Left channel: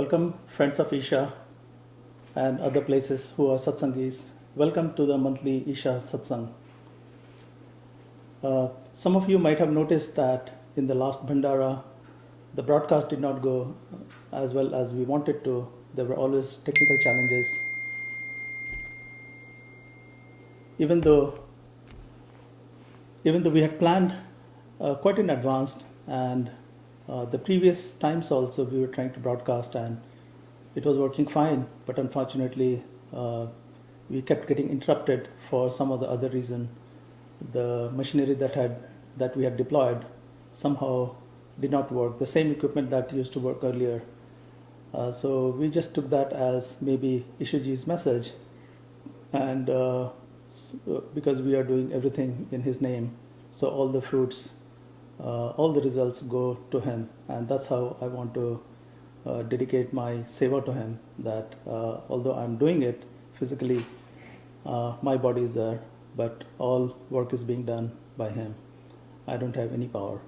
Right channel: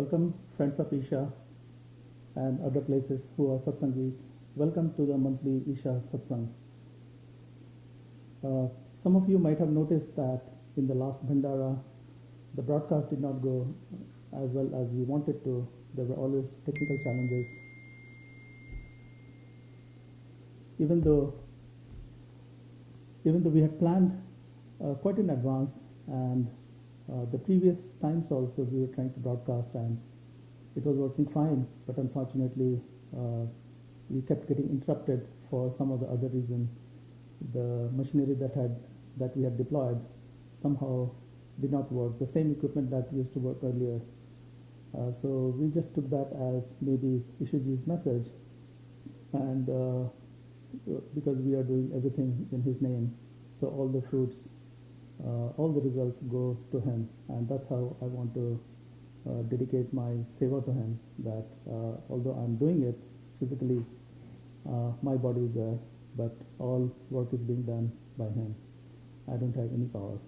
Welcome, friends of Isha and other places who are satsangis. Welcome to the monthly Isha satsang. Some of you might have noticed that in the last Bhandara, the broadcast did not go as well as we wanted to. There were always technical challenges. Even though we had planned quite in advance, and the previous times also we were trying to broadcast and it was working fine, but unfortunately we kept getting interrupted for some of the other reason. The machinery that we had deployed somehow did not work, the same equipment that used to work earlier. So we just took that as maybe Ishaji's message, and because we are doing everything in his name, so all the fruits, all the results go to him, and that's how I want to dedicate my seva to him, that although I'm doing it physically, my body is there, but all work is being done by him. I don't have any power.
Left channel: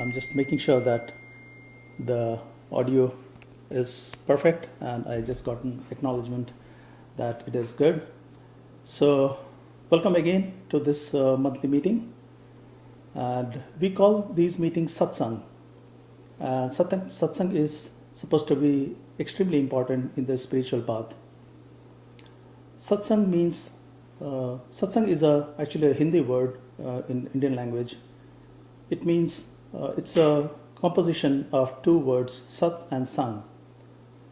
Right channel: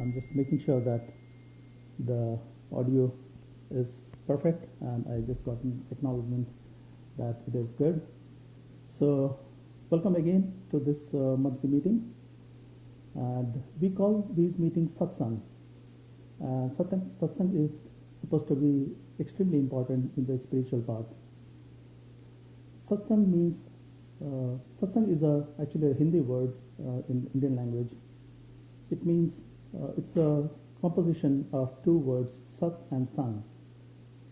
I'm just making sure that the audio is perfect, and I just got an acknowledgement that it is good. So welcome again to this monthly meeting, and we call these meetings satsang. Satsang is supposed to be extremely important in the spiritual path. Satsang means, satsang is actually a Hindi word in Indian language. It means, it's a composition of two words, sat and sang.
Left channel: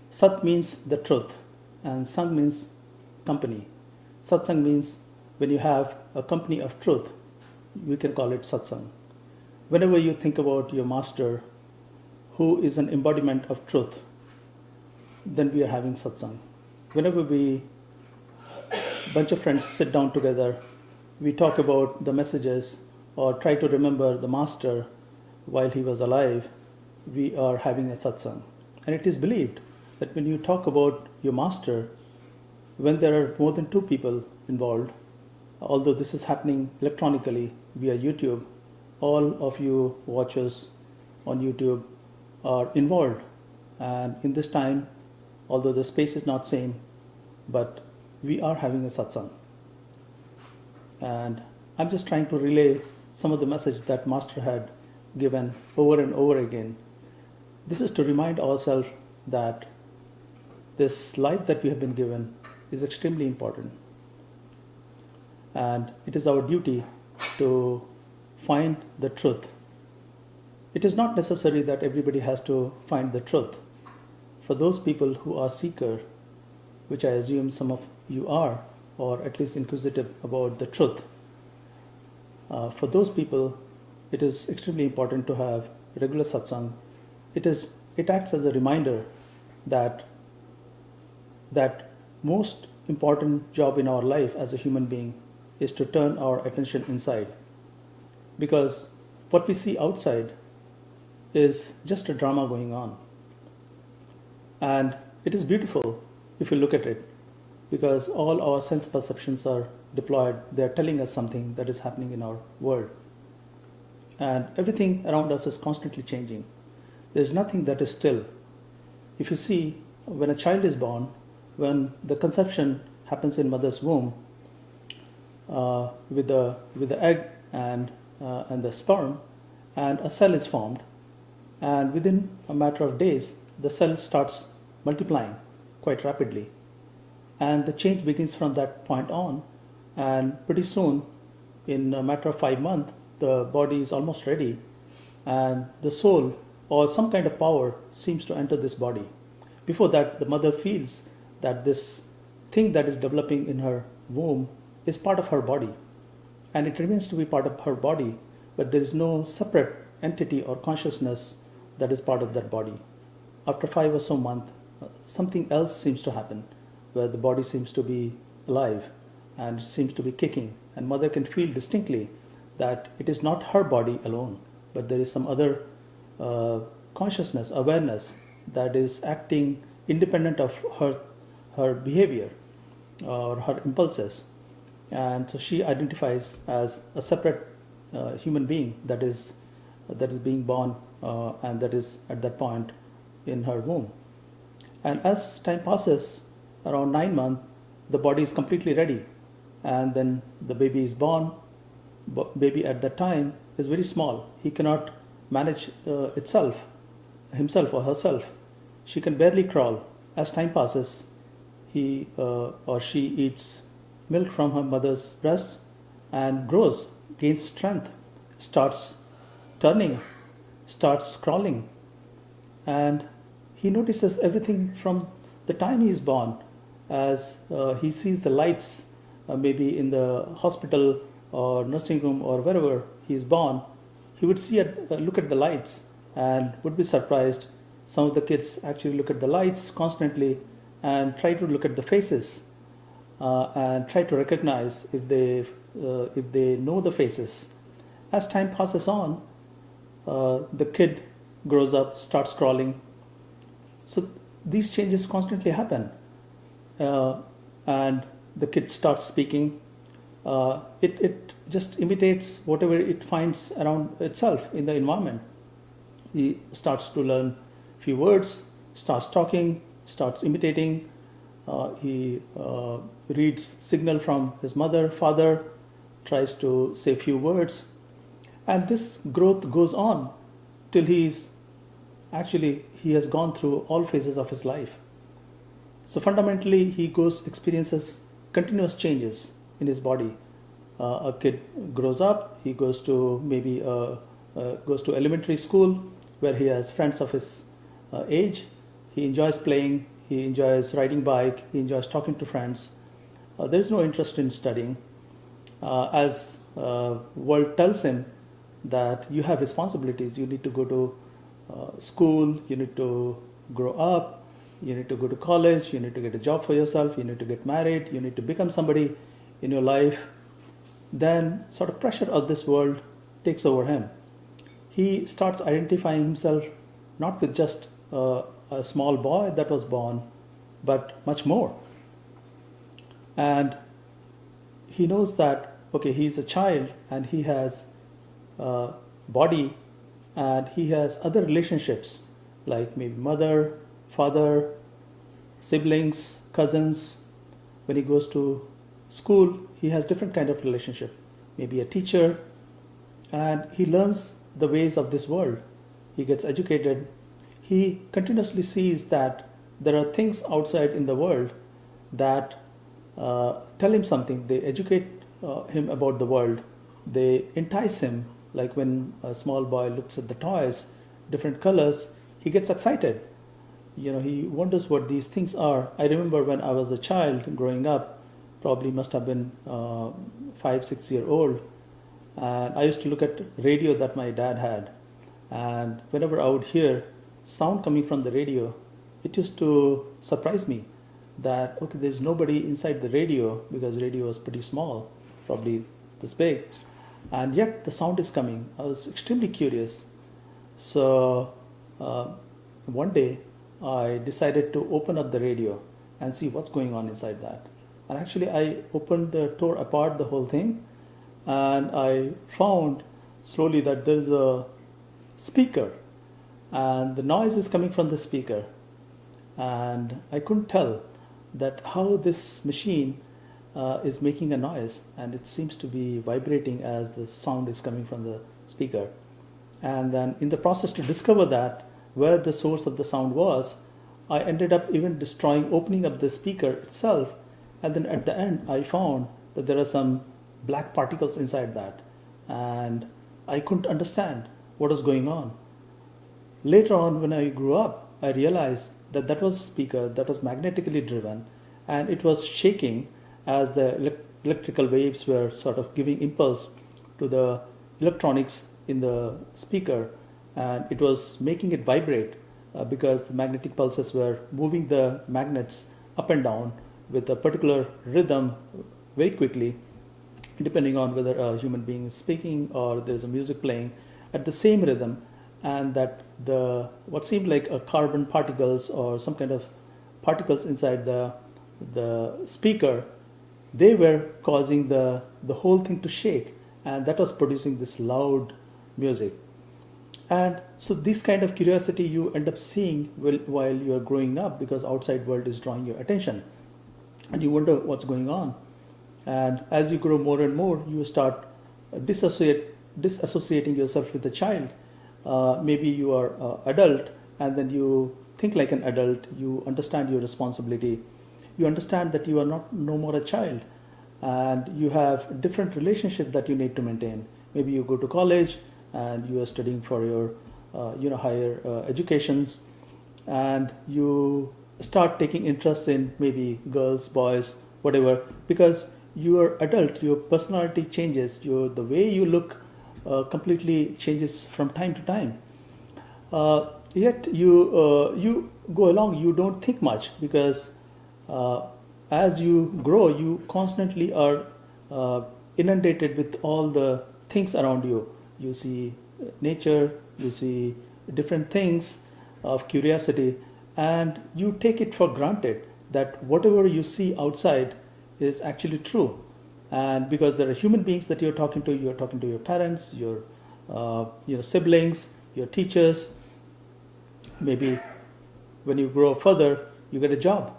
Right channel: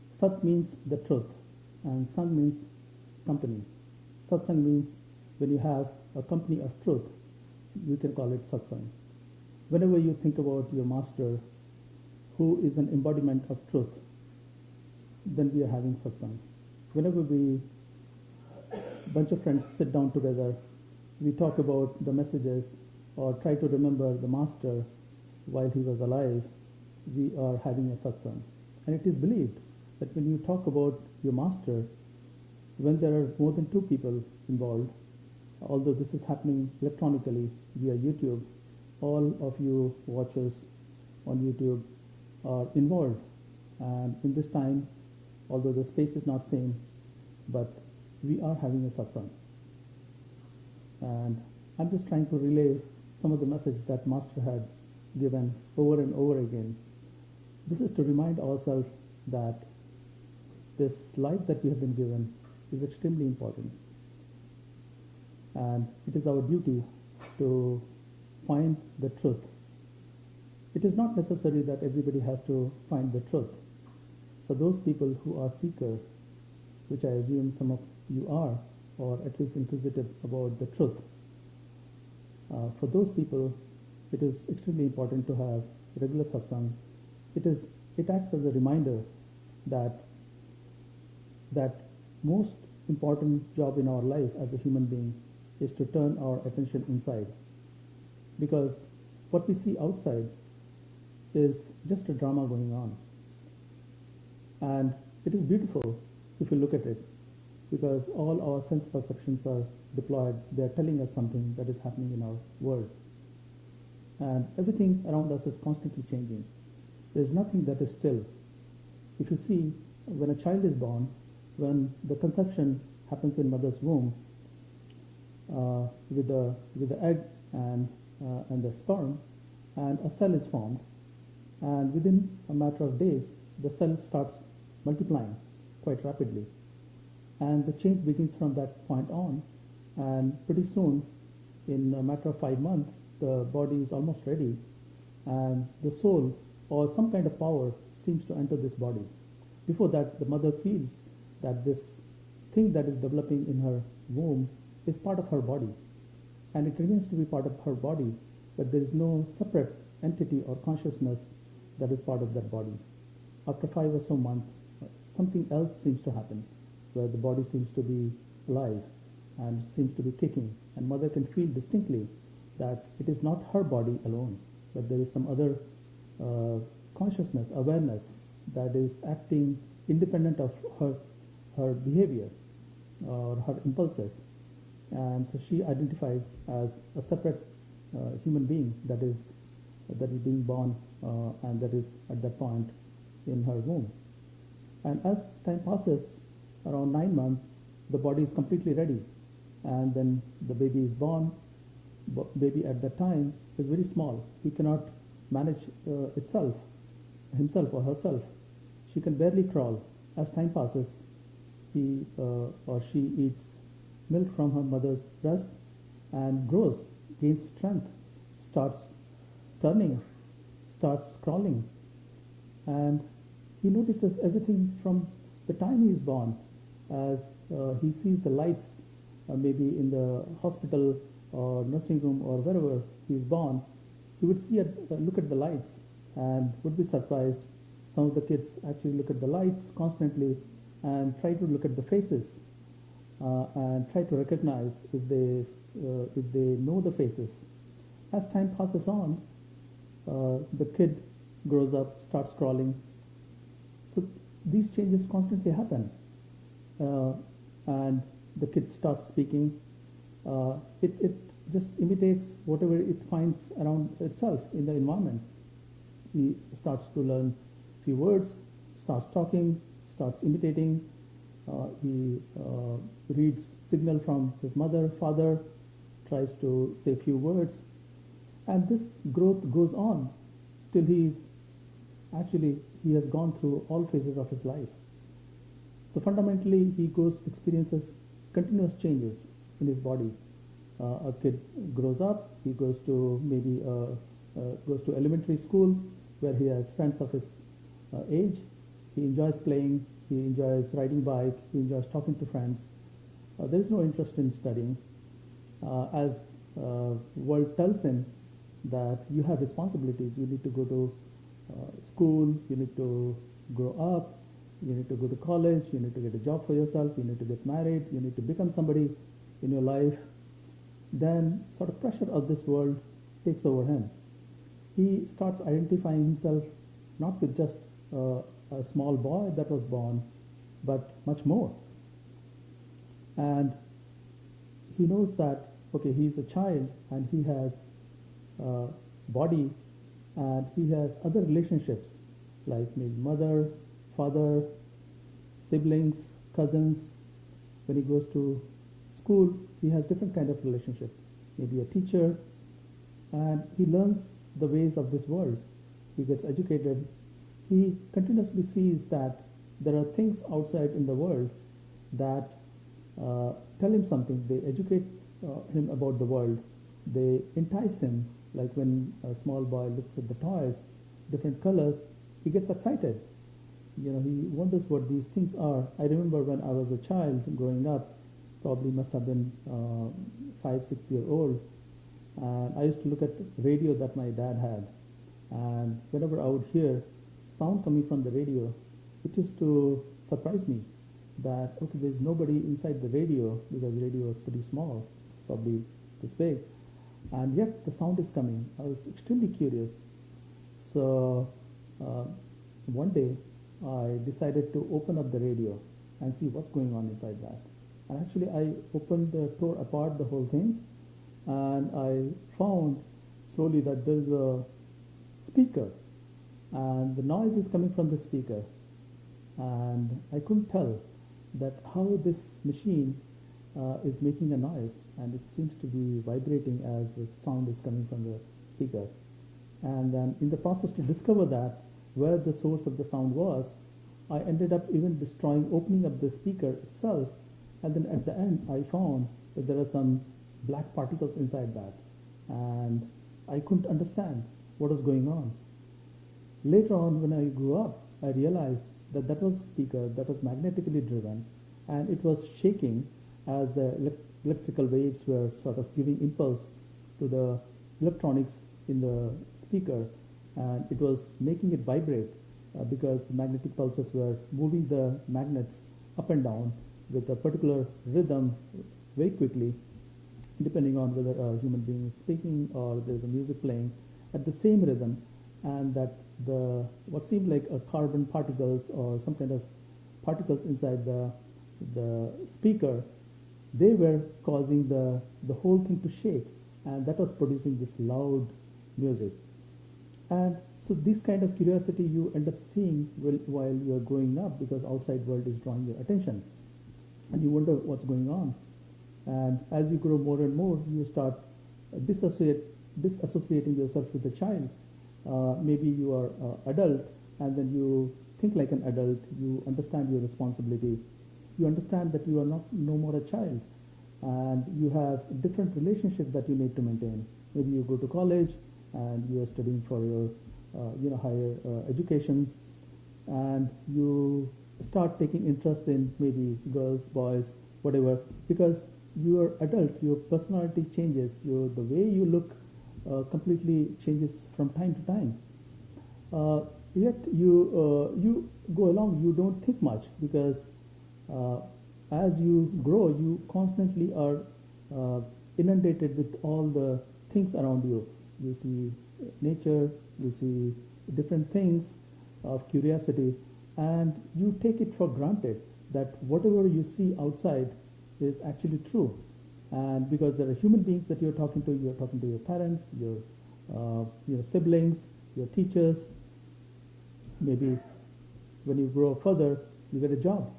Sat means the truth, and sang means company. Satsang means when you have a company of truth, we can call it satsang. Whenever you think about your master, who is an embodiment of truth, then we are having satsang. Whenever a bunch of friends sit down together, we talk about the messages or try to remember the master while he was alive, we are having a satsang. And it is believed that when you talk about your master, when there are more than two people involved, although this is happening electronically via YouTube, all of you watchers on YouTube are involved, and in this time, although the space is not same, but we are having a satsang. And I'm just trying to relay some of the message that Master had given over and over again. This is to remind ourselves that this life that we have been given is extremely important, and it is our duty to find the truth. It is not necessary that everybody has to find the truth. For those people who are seeker, which I assume some of you are, or at least inquisitive about the truth, for those people, it is extremely important to have regular satsang. It acts as a reminder that most important job in our life as a human being is to turn our attention inside, because what we see outside is just a drama going on, and it is beautiful if you look at it, because all our sense perceptions are deployed. They are telling us something that is happening in our world, and everything around us is constantly changing. There is nothing that is still. If you see, when a child is born, when the conception happens in mother's womb, with the egg and the sperm, and a cell is formed, and within a matter of days, the cell starts multiplying quite rapidly, and the change begins from that point on, and pretty soon, in a matter of 5 months, the body is almost ready, and the soul or some kind of power seems to enter this body. Before that, the mother feels that this thing that is developing in her womb is part of her body, and it remains to be part of her body, but there is no separate entity or consciousness that is part of that body. After 5 or so months, something else seems to happen, where the body seems to be alive and seems to be kicking, and mother can feel distinctly that it is not her body alone, but there is some other consciousness, awareness that is acting independent of her behavior or her impulses, and so she identifies as a separate human being that is being born, and that is at that point in her womb. And as time passes, around 9 months, the body is completely ready. And then the baby is born. Baby at that time is very small. He cannot manage himself or herself. She can barely crawl. As time passes, he or she eats milk from her mother's breast and grows, gains strength, starts turning, starts crawling, and he notices everything from the time he is born. As he sees the lights, maybe in the hospital or nursing room or wherever he is born, he would look at the lights and would be surprised. Some of the kids actually look at the lights constantly and try to look at the faces and try to recognize if they know the faces. As time passes on, the kid grows up, starts crawling. So these changes constantly happen, and the kid starts speaking. It just imitates whatever it finds around itself in the environment. He starts to learn few words, starts talking, starts imitating. He reads signal from his mother, father, tries to say few words, and this growth goes on till he has gone through all phases of his life. So fundamentally, he experiences continuous changes in his body. A kid grows up, he goes to goes to elementary school where he has friends of his age. He enjoys playing, he enjoys riding bike, he enjoys talking to friends. There is no interest in studying. As world tells him that you have responsibilities, you need to go to school, you need to grow up, you need to go to college, you need to get a job for yourself, you need to get married, you need to become somebody in your life, then sort of pressure of this world takes over him. He starts identifying himself not with just a small boy that was born, but much more. And he knows that, okay, he's a child and he has a body and he has other relationships like maybe mother, father, siblings, cousins. When he goes to school, he has different kind of relationship, maybe a teacher, and he learns the ways of this world. He gets educated. He continuously sees that there are things outside in the world that tell him something. They educate him about the world. They entice him. Like when a small boy looks at the toys, different colors, he gets excited. He wonders what these things are. I remember when I was a child growing up, probably must have been 5-6 years old, and I used to look at radio that my dad had, and whenever I would hear sound coming from the radio, it used to surprise me that, okay, there's nobody inside the radio because radio was pretty small, probably this big, and yet the sound is coming. I was extremely curious. So one day I decided to open up the radio and see what's going on inside that. And actually I tore apart the whole thing, and I found slowly that there's a speaker and the noise is coming from the speaker. And I couldn't tell that how this machine is making a noise, and it seems to be vibrating as the sound is coming from the speaker. And then in the process to discover that where the source of the sound was, I ended up even opening up the speaker itself, and then at the end I found that there are some black particles inside that, and I couldn't understand what was going on. Later on, when I grew up, I realized that that was a speaker that was magnetically driven, and it was shaking as the electrical waves were sort of giving impulse to the electronics in the speaker, and it was making it vibrate because the magnetic pulses were moving the magnets up and down with a particular rhythm very quickly, depending on whether a human being is speaking or there's a music playing at the same rhythm. And that what seemed like a carbon particles or some kind of particles inside the speaker, they were causing the whole thing to shake, and that was producing this loud music. And so this kind of curiosity you end up seeing while you are growing up, because outside world is drawing your attention, and you wonder what's going on. And as you grow more and more, you start disassociating yourself with the child. Maybe you are adult, and then you think like an adult. You understand your responsibility. You understand that you are not no more a child, and you have different relationship that you need to maintain. Maybe you go to college and you are studying for your higher educations, and you start taking interest in maybe girls, boys, whatever, because you are adult. Your personality changes. The way you look completely changes from time to time. Yet you go along. You don't think much, because uh, as you grow, you constantly are uh, inundated with all the things around you. You see nature, you see different things of curiosity, and you take it for granted that whatever you see outside is actually true. And because there are human beings that you're talking to your parents, your siblings, your teachers. Maybe when you grow further, you get a job,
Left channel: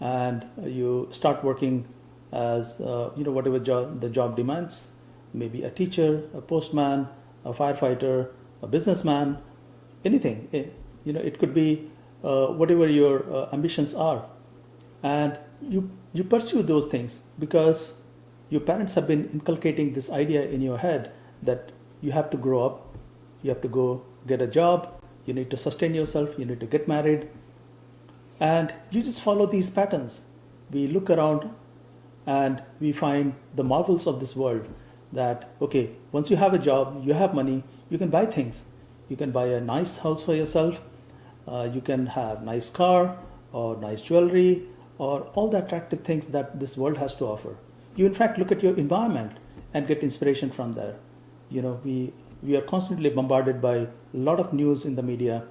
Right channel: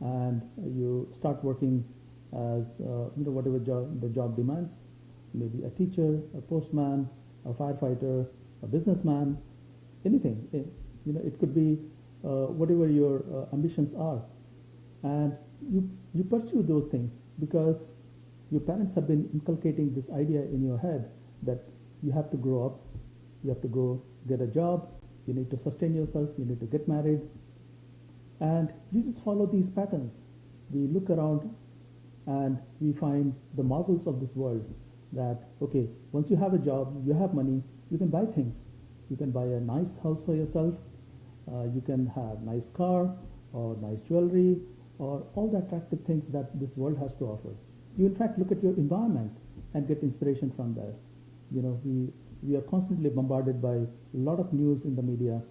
and you start working as whatever the job demands. Maybe a teacher, a postman, a firefighter, a businessman, anything. It could be whatever your ambitions are, and you pursue those things because your parents have been inculcating this idea in your head that you have to grow up, you have to go get a job, you need to sustain yourself, you need to get married, and you just follow these patterns. We look around and we find the marvels of this world, that okay, once you have a job, you have money, you can buy things. You can buy a nice house for yourself, you can have nice car or nice jewelry or all the attractive things that this world has to offer. You in fact look at your environment and get inspiration from there. We are constantly bombarded by a lot of news in the media.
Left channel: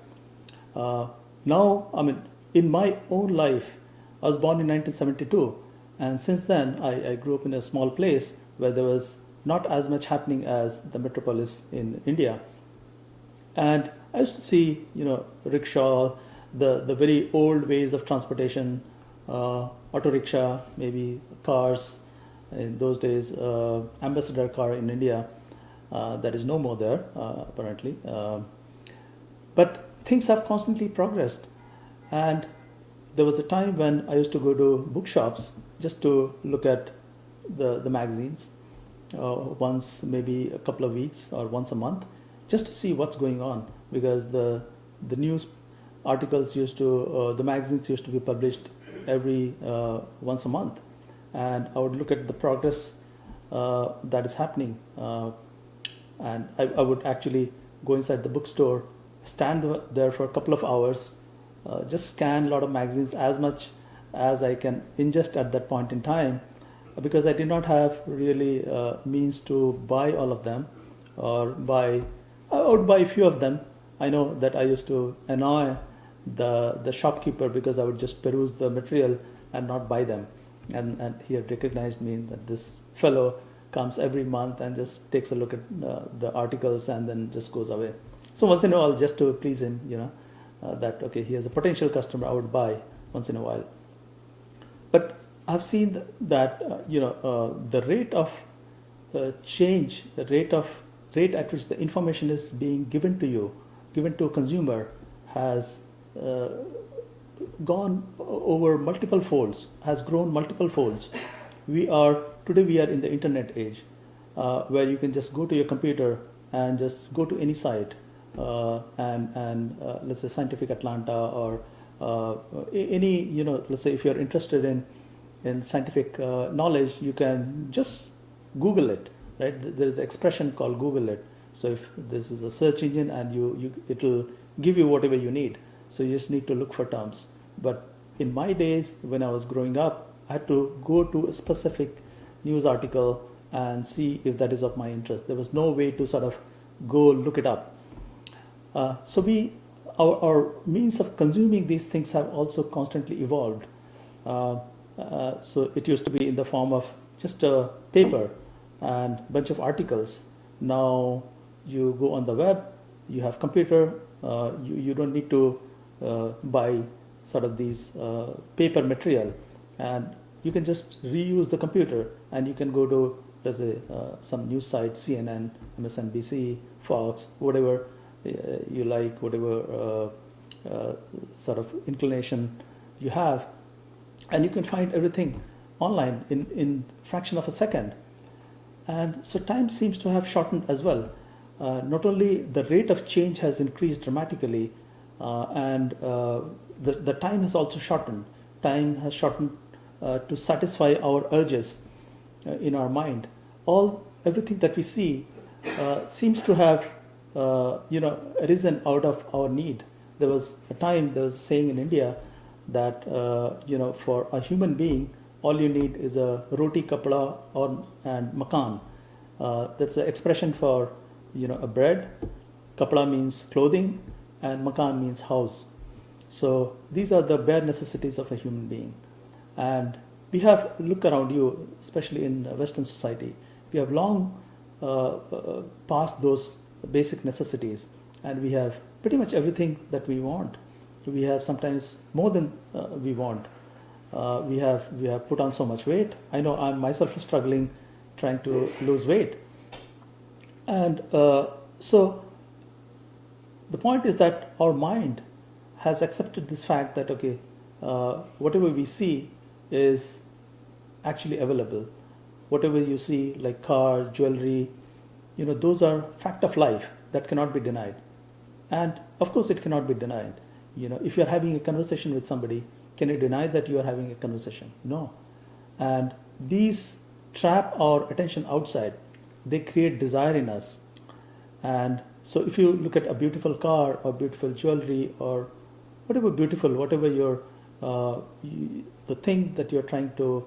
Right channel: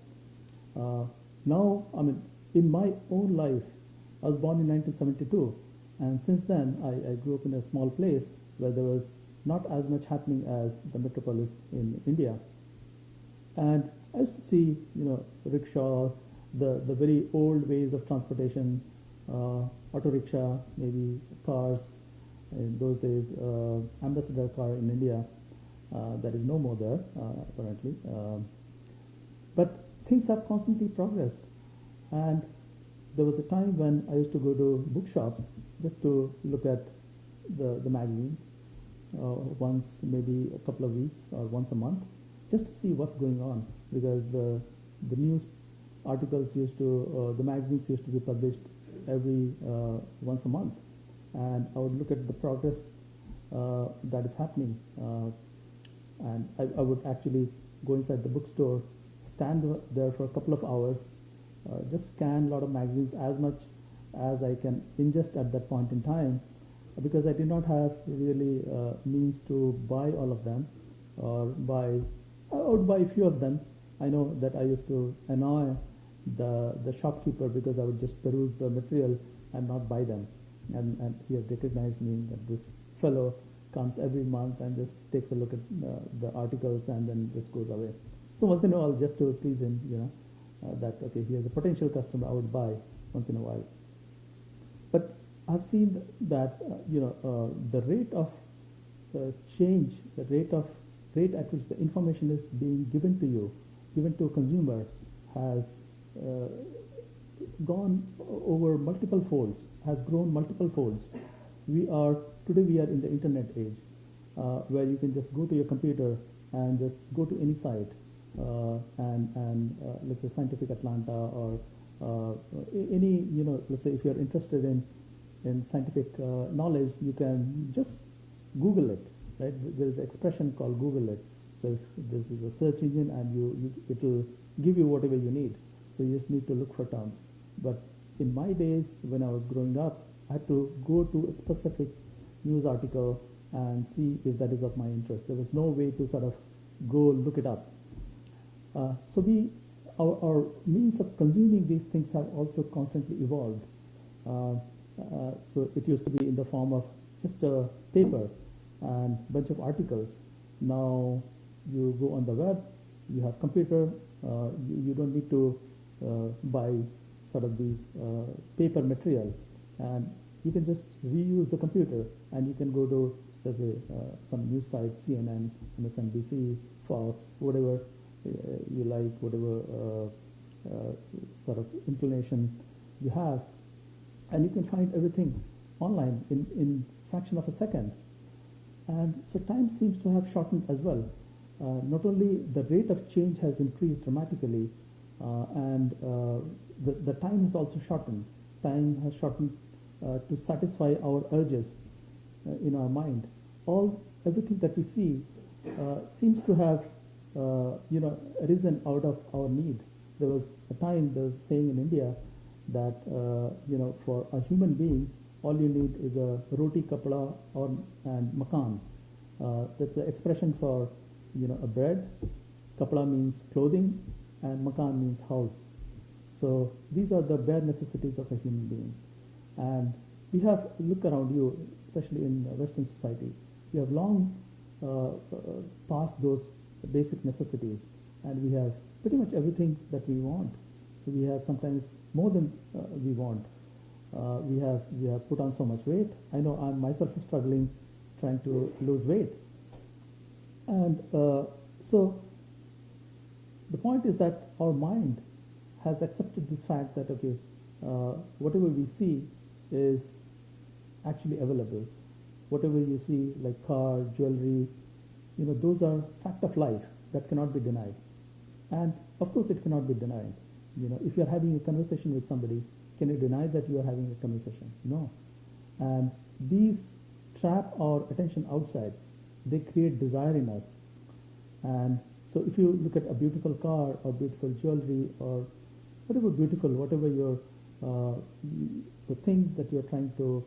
Now, I mean, in my own life, I was born in 1972, and since then I grew up in a small place where there was not as much happening as the metropolis in India. And I used to see, rickshaw, the very old ways of transportation, auto rickshaw, maybe cars. In those days, ambassador car in India, that is no more there, apparently. But things have constantly progressed. And there was a time when I used to go to bookshops just to look at the magazines once, maybe a couple of weeks or once a month, just to see what's going on, because the news articles the magazines used to be published every once a month, and I would look at the progress that is happening, and I would actually go inside the bookstore, stand there for a couple of hours, just scan a lot of magazines as much as I can ingest at that point in time, because I did not have really means to buy all of them, or I would buy a few of them. I know that I used to annoy the shopkeeper because I would just peruse the material and not buy them, and he had recognized me, that this fellow comes every month and just takes a look at the articles and then just goes away. So once in a while, just to please him, that okay, he has a potential customer, I would buy once in a while. But I've seen that the rate of change, the rate at which the information is being given to a consumer, has gone over multiple folds, has grown multiple folds. Today we are in the internet age, where you can just go to your computer and just go to any site, and let's say Scientific Atlanta, or any, let's say if you're interested in scientific knowledge, you can just Google it, right? There is an expression called Google it. So if this is a search engine, and it'll give you whatever you need. So you just need to look for terms. But in my days, when I was growing up, I had to go to a specific news article and see if that is of my interest. There was no way to sort of go look it up. So our means of consuming these things have also constantly evolved. So it used to be in the form of just a paper and bunch of articles. Now you go on the web, You have computer, you don't need to buy sort of these paper material, and you can just reuse the computer, and you can go to, let's say, some news site, CNN, MSNBC, Fox, whatever you like, whatever sort of inclination you have, and you can find everything online in fraction of a second. And so time seems to have shortened as well. Not only the rate of change has increased dramatically, and the time has also shortened. Time has shortened to satisfy our urges in our mind. Everything that we see seems to have arisen out of our need. There was a saying in India that for a human being, all you need is a roti, kapda, and makan. That's an expression for a bread. Kapda means clothing, and makan means house. So these are the bare necessities of a human being. And we have, look around you, especially in Western society, we have long passed those basic necessities, and we have pretty much everything that we want. We have sometimes more than we want. We have put on so much weight. I know I'm myself struggling trying to lose weight. And so the point is that our mind has accepted this fact that, okay, whatever we see is actually available. Whatever you see, like cars, jewelry, those are fact of life that cannot be denied. And of course it cannot be denied. If you're having a conversation with somebody, can you deny that you are having a conversation? No. And these trap our attention outside. They create desire in us. And so if you look at a beautiful car or beautiful jewelry or whatever beautiful, whatever your the thing that you're trying to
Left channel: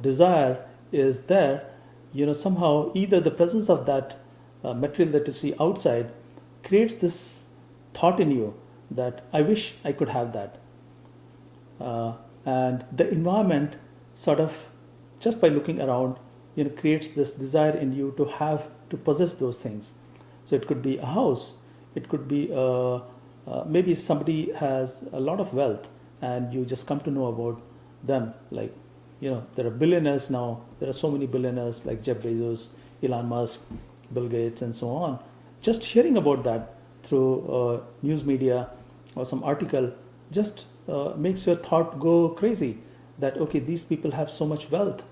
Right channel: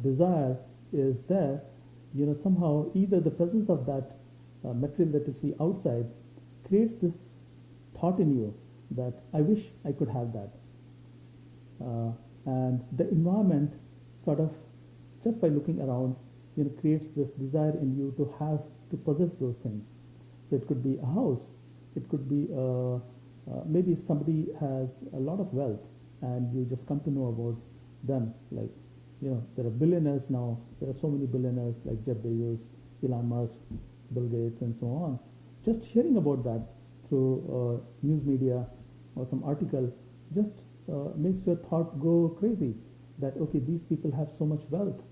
desire is there, somehow either the presence of that material that you see outside creates this thought in you that I wish I could have that. And the environment sort of, just by looking around, creates this desire in you to possess those things. So it could be a house, it could be maybe somebody has a lot of wealth and you just come to know about them. Like, there are billionaires now. There are so many billionaires like Jeff Bezos, Elon Musk, Bill Gates, and so on. Just hearing about that through news media or some article just makes your thought go crazy. That, okay, these people have so much wealth.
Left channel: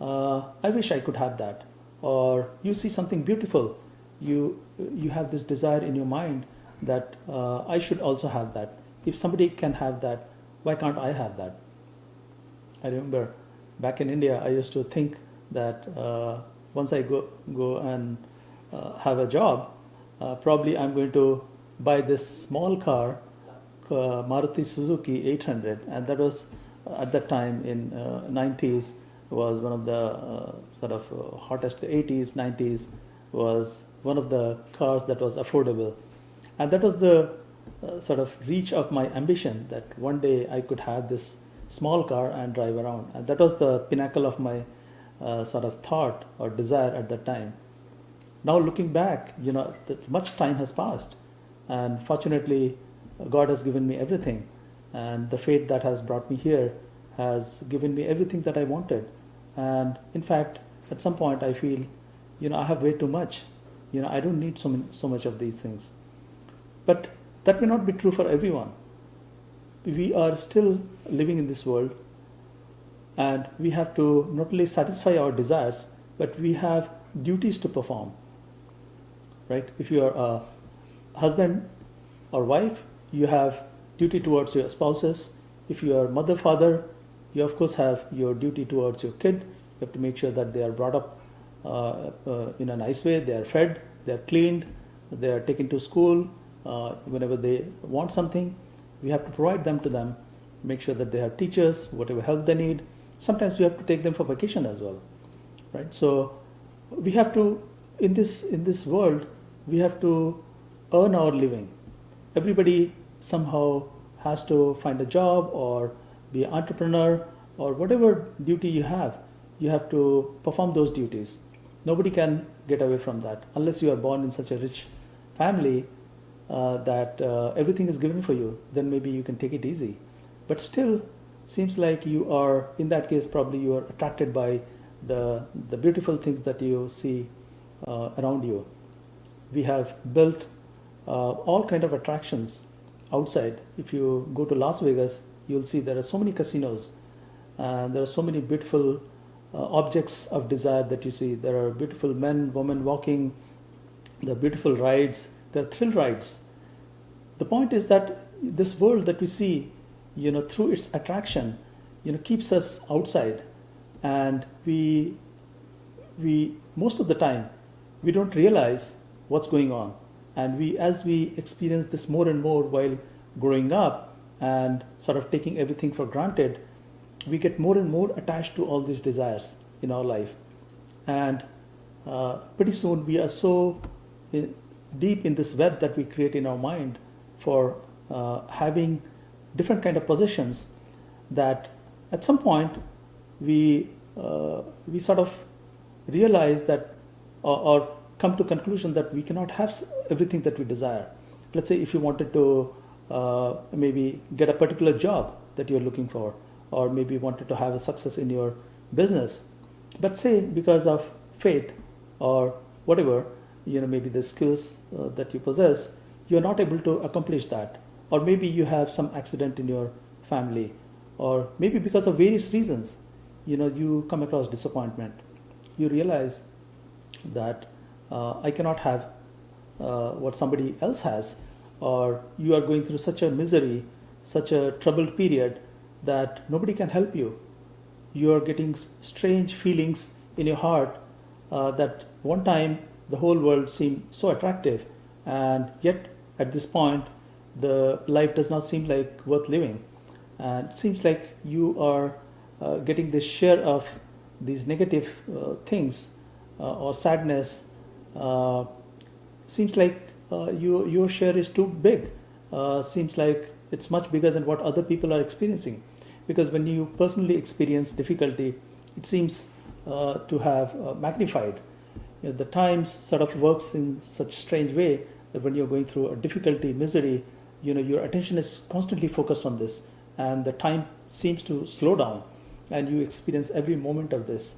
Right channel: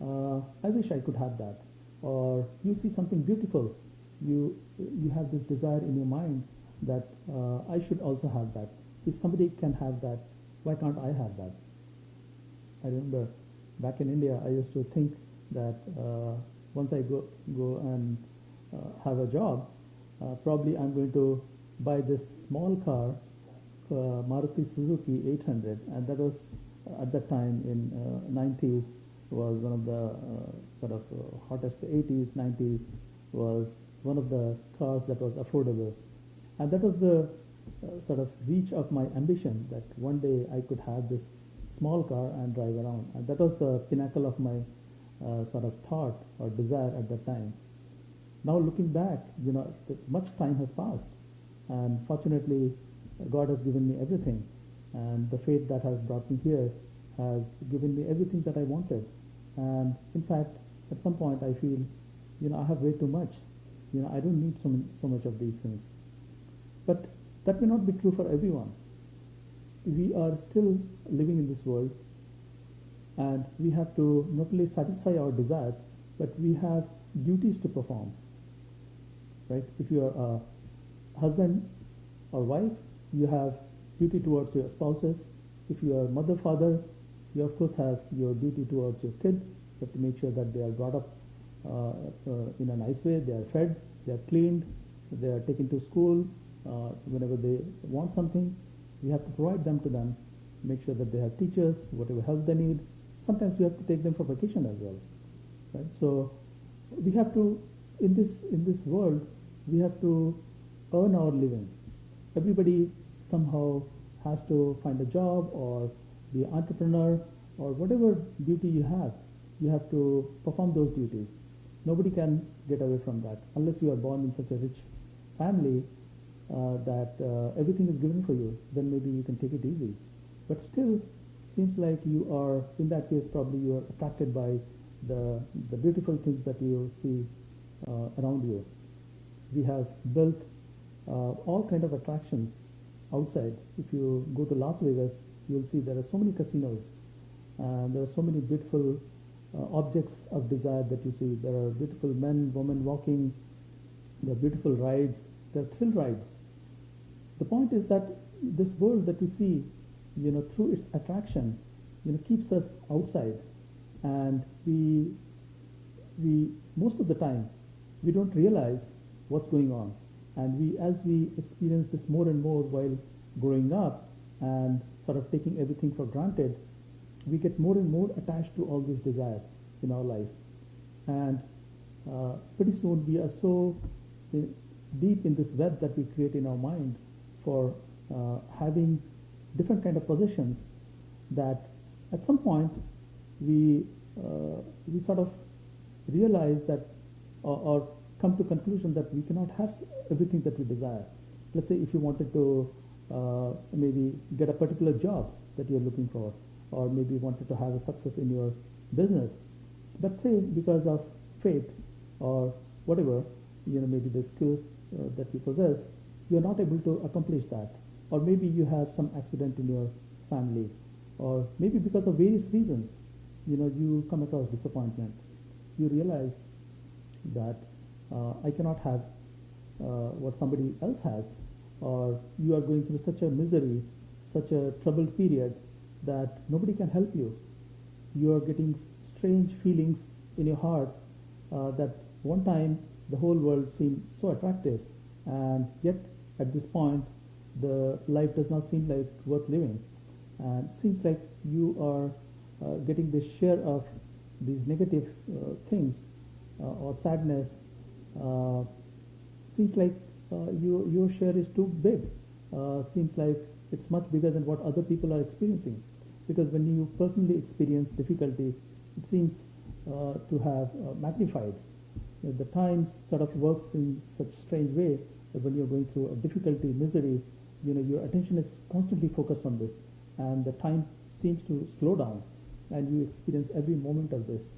I wish I could have that. Or you see something beautiful. You have this desire in your mind that I should also have that. If somebody can have that, why can't I have that? I remember back in India, I used to think that once I go and have a job, probably I'm going to buy this small car, Maruti Suzuki 800, and that was at that time in 90s was one of the sort of hottest. 80s, 90s was one of the cars that was affordable, and that was the sort of reach of my ambition, that one day I could have this small car and drive around, and that was the pinnacle of my sort of thought or desire at that time. Now looking back, that much time has passed, and fortunately God has given me everything, and the fate that has brought me here has given me everything that I wanted. And in fact, at some point I feel, I have way too much. I don't need so much of these things. But that may not be true for everyone. We are still living in this world, and we have to not only satisfy our desires, but we have duties to perform. Right? If you are a husband or wife, you have duty towards your spouses. If you are mother, father, you of course have your duty towards your kid. You have to make sure that they are brought up in a nice way, they are fed, they are cleaned, they are taken to school. Whenever they want something, we have to provide them to them, make sure that they have teachers, whatever help they need. Sometimes we have to take them for vacation as well, right? So we have to, in this world, we have to earn our living. Everybody somehow has to find a job or be an entrepreneur or whatever duty you have to perform those duties. Nobody can get away from that unless you are born in such a rich family. that everything is given for you, then maybe you can take it easy. But still, seems like you are, in that case, probably you are attracted by the beautiful things that you see around you. We have built all kind of attractions outside. If you go to Las Vegas, you'll see there are so many casinos, and there are so many beautiful objects of desire that you see. There are beautiful men, women walking, there are beautiful rides, there are thrill rides. The point is that this world that we see, through its attraction, keeps us outside, and we most of the time we don't realize what's going on, and as we experience this more and more while growing up and sort of taking everything for granted, we get more and more attached to all these desires in our life, and pretty soon we are so deep in this web that we create in our mind for having different kind of possessions, that at some point we sort of realize that, or come to conclusion that we cannot have everything that we desire. Let's say if you wanted to maybe get a particular job that you're looking for, or maybe wanted to have a success in your business, but say because of fate or whatever, maybe the skills that you possess, you're not able to accomplish that, or maybe you have some accident in your family, or maybe because of various reasons, you come across disappointment. You realize that I cannot have what somebody else has, or you are going through such a misery, such a troubled period that nobody can help you. You are getting strange feelings in your heart that one time the whole world seemed so attractive, and yet at this point the life does not seem like worth living, and it seems like you are getting this share of these negative things or sadness. Seems like your share is too big. Seems like it's much bigger than what other people are experiencing, because when you personally experience difficulty, it seems to have magnified. The times sort of works in such strange way that when you're going through a difficulty, misery, your attention is constantly focused on this, and the time seems to slow down, and you experience every moment of this.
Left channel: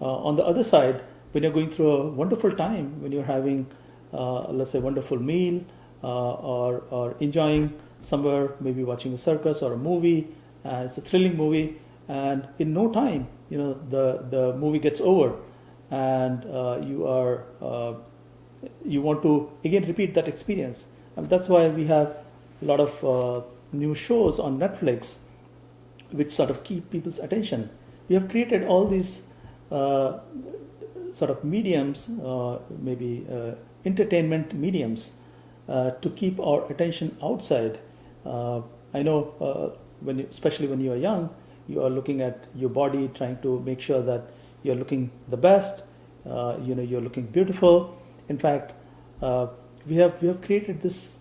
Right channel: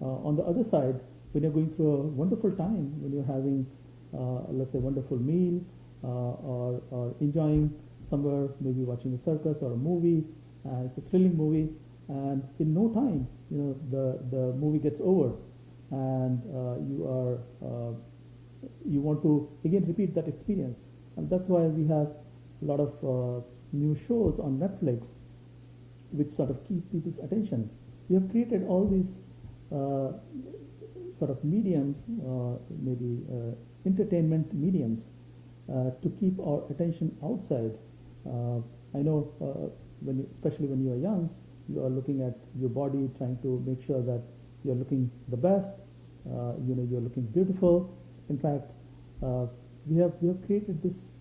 On the other side, when you're going through a wonderful time, when you're having, let's say, a wonderful meal, or enjoying somewhere, maybe watching a circus or a movie, it's a thrilling movie, and in no time, the movie gets over, and you want to again repeat that experience. And that's why we have a lot of new shows on Netflix which sort of keep people's attention. We have created all these sort of mediums, maybe entertainment mediums, to keep our attention outside. I know especially when you are young, you are looking at your body, trying to make sure that you're looking the best, you're looking beautiful. In fact, we have created this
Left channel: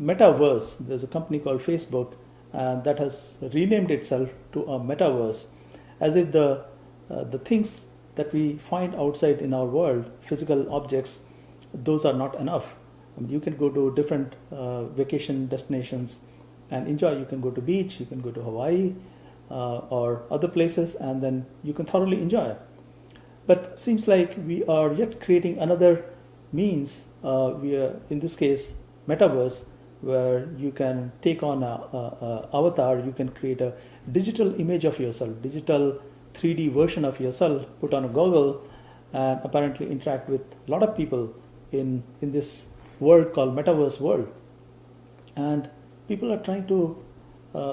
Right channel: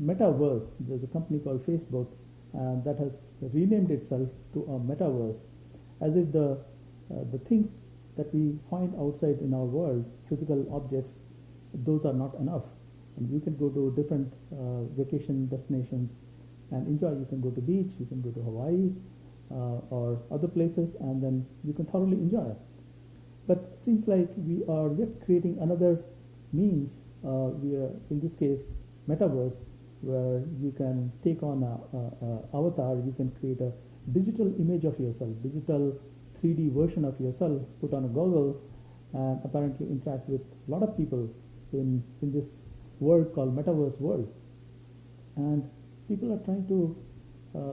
metaverse. There's a company called Facebook, and that has renamed itself to a metaverse, as if the things that we find outside in our world, physical objects, those are not enough. You can go to different vacation destinations and enjoy. You can go to beach, you can go to Hawaii or other places, and then you can thoroughly enjoy. But seems like we are yet creating another means. We are, in this case, metaverse, where you can take on a avatar. You can create a digital image of yourself, digital 3D version of yourself, put on a goggle, and apparently interact with a lot of people in this world called metaverse world. And people are trying to,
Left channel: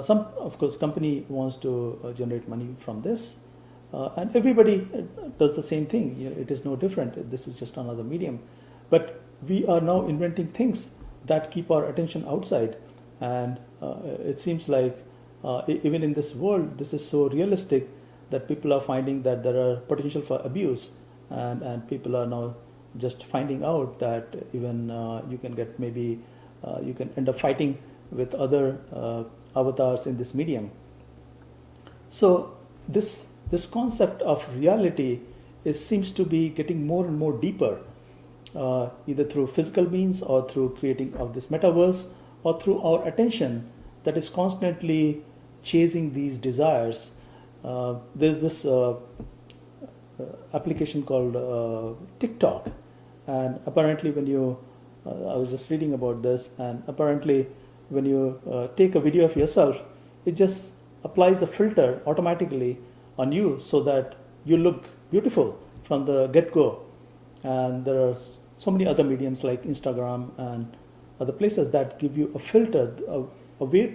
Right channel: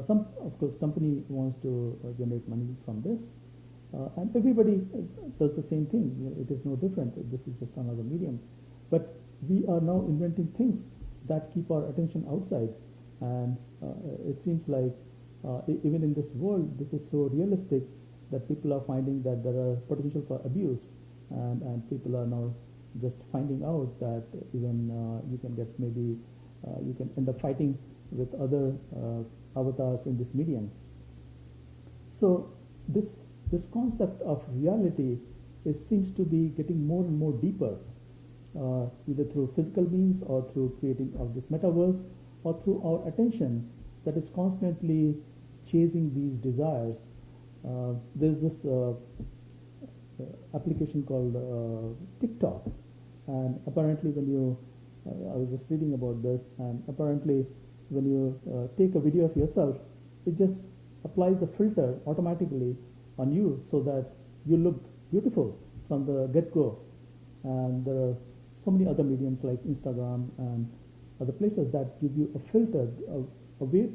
some of course company wants to generate money from this, and everybody does the same thing. It is no different. This is just another medium. But we are now inventing things that keep our attention outside, and it seems like even in this world, this is so realistic that people are finding that there are potential for abuse, and people are now just finding out that even you can get maybe you can end up fighting with other avatars in this medium. So this concept of reality seems to be getting more and more deeper, either through physical means or through creating of this metaverse or through our attention that is constantly chasing these desires. There's this application called TikTok, and apparently when you I was just reading about this, and apparently when you take a video of yourself, it just applies a filter automatically on you so that you look beautiful from the get-go. And there are so many other mediums like Instagram and other places that give you a filter, a way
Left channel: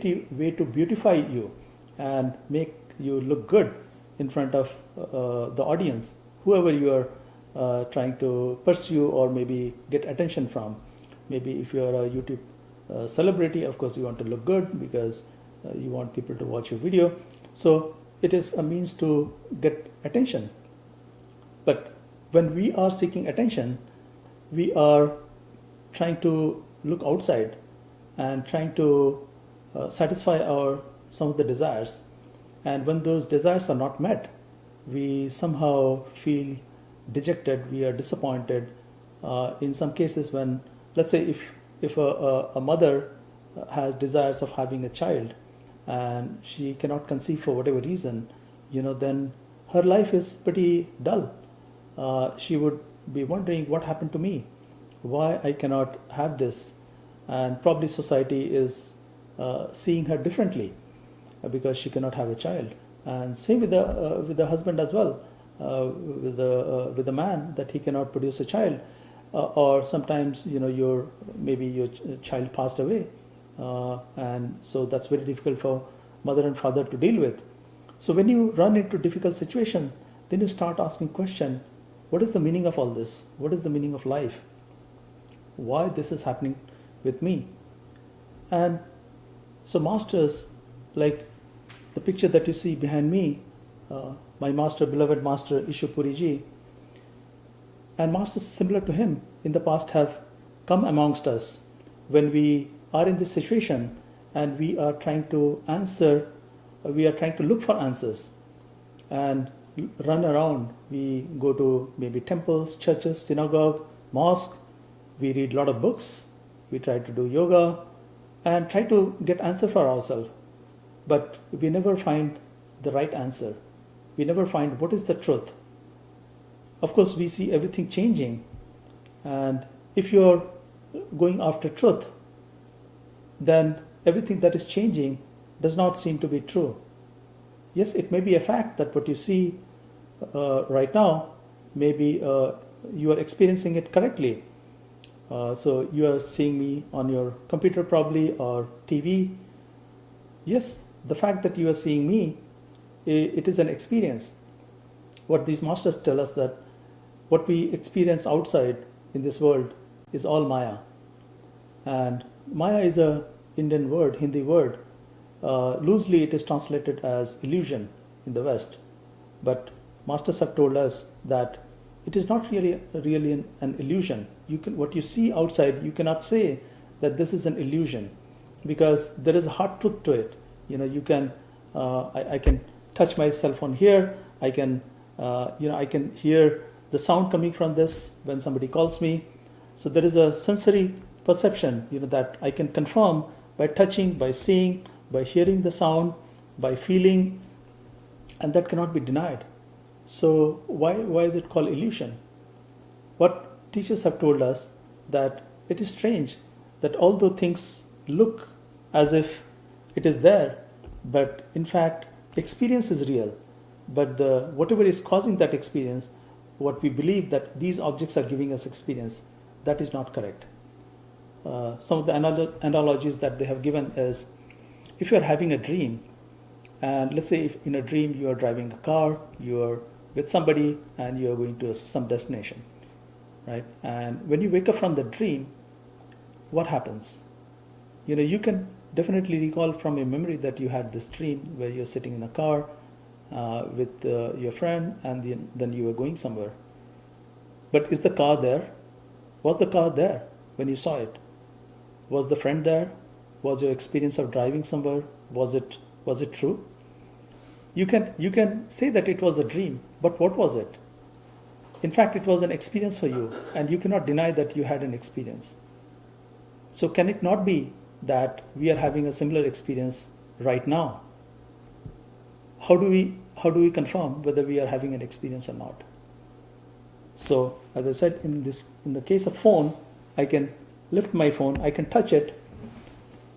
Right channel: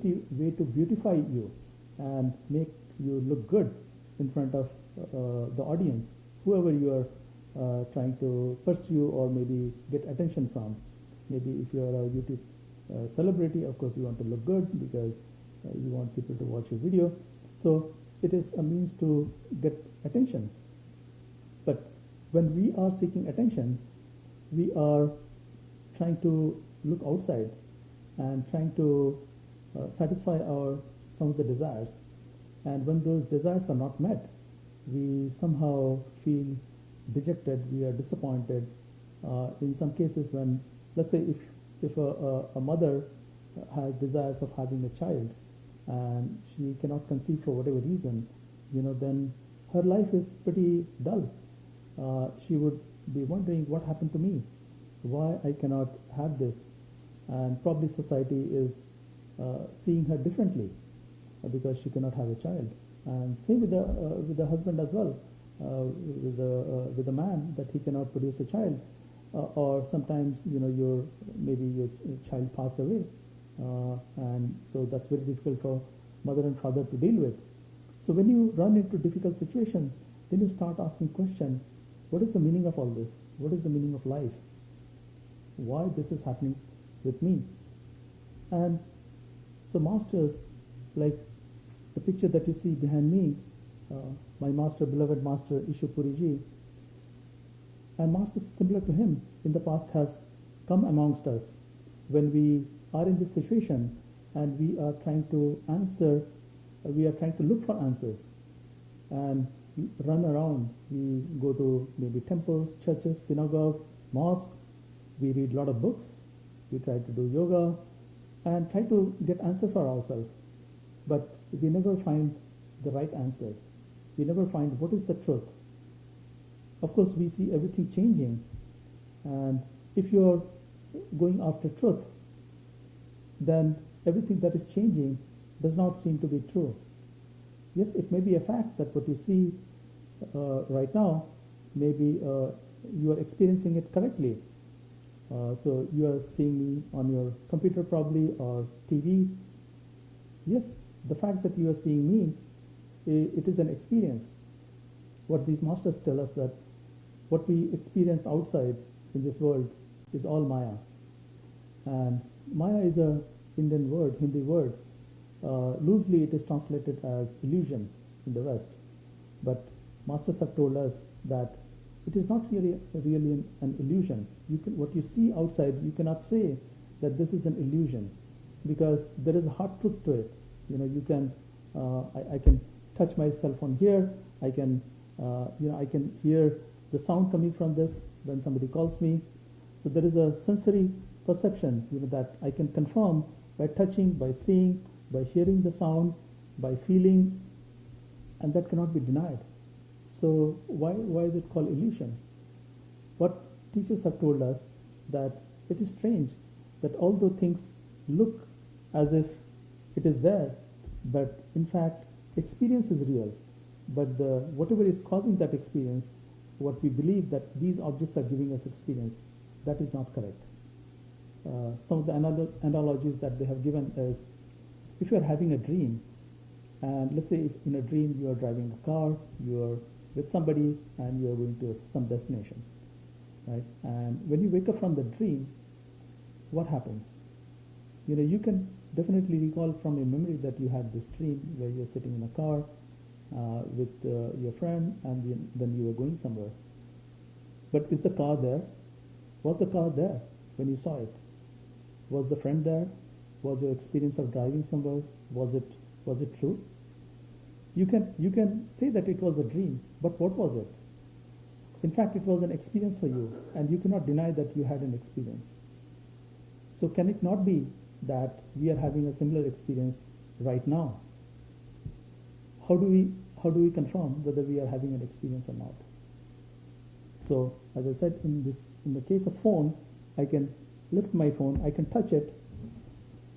to beautify you and make you look good in front of the audience, whoever you are trying to pursue or maybe get attention from. Maybe if you are a YouTube celebrity, of course you want to look good because you want people to watch your video. So it is a means to get attention. But when we are seeking attention, we are trying to look outside and trying to satisfy some of the desires. And when those desires are not met, we somehow feel dejected, we are disappointed. In some cases, when, let's say, if a mother has desires of having a child and she cannot conceive for whatever reason, then her life is pretty dull. She would be wondering, what happened to me? Why I cannot have this? And probably society is seeing her differently because she cannot have a child. And same with the husband as well, with the man, that he cannot produce a child, or sometimes maybe your child passed away, and so that's very difficult for mother and father to deal with. So when you run into difficult situation, then you start asking question: what is the meaning of all this? What is the meaning of life? Why this is happening with me? And so masters, like the picture that you see behind me, my master, beloved master Ishupuri ji, and masters similar to him in the past have come amongst us when we are in this situation and we are trying to look for answers and run around. We go to maybe temples, churches, synagogue, mosque. We read a lot of books. We try to do yoga and try to get answer for ourselves. But we never find the right answer. We never find what is the truth. Of course, we see everything changing. And if you're going after truth, then everything that is changing does not seem to be true. Yes, it may be a fact that what you see right now, maybe you are experiencing it correctly. So you are seeing me on your computer probably or TV. Yes, the fact that you are seeing me, it is an experience. What these masters tell us that what we experience outside in this world is all Maya. And Maya is a Indian word, Hindi word. Loosely it is translated as illusion in the West. But masters have told us that it is not really an illusion. What you see outside, you cannot say that this is an illusion because there is a hard truth to it. You can, I can touch my cell phone here. I can, I can hear the sound coming from this when somebody calls me. So there is a sensory perception, that I can confirm by touching, by seeing, by hearing the sound, by feeling, and that cannot be denied. So why is it called illusion? What teachers have told us that it is strange that although things look as if it is there, but in fact experience is real, but whatever is causing that experience, what we believe that these objects are giving us experience, that is not correct. Some of the analogies that they have given is, if you are having a dream, and let's say if in a dream you are driving a car, you are with somebody and you are going to some destination, right? And when you wake up from the dream, what happens? You can definitely recall from your memory that you had this dream where you're sitting in a car with your friend, and then you were going somewhere. But is the car there? Was the car there when you saw it? Was the friend there? Was your experience of driving somewhere, was it true? You can say that it was a dream, but what was it? In fact, it was an experience for you, and you cannot deny that you had an experience. So can it not be that we are having a similar experience right now? How do we confirm whether we are having an experience or not? So as I said, in the case of phone, I can lift my phone, I can touch it,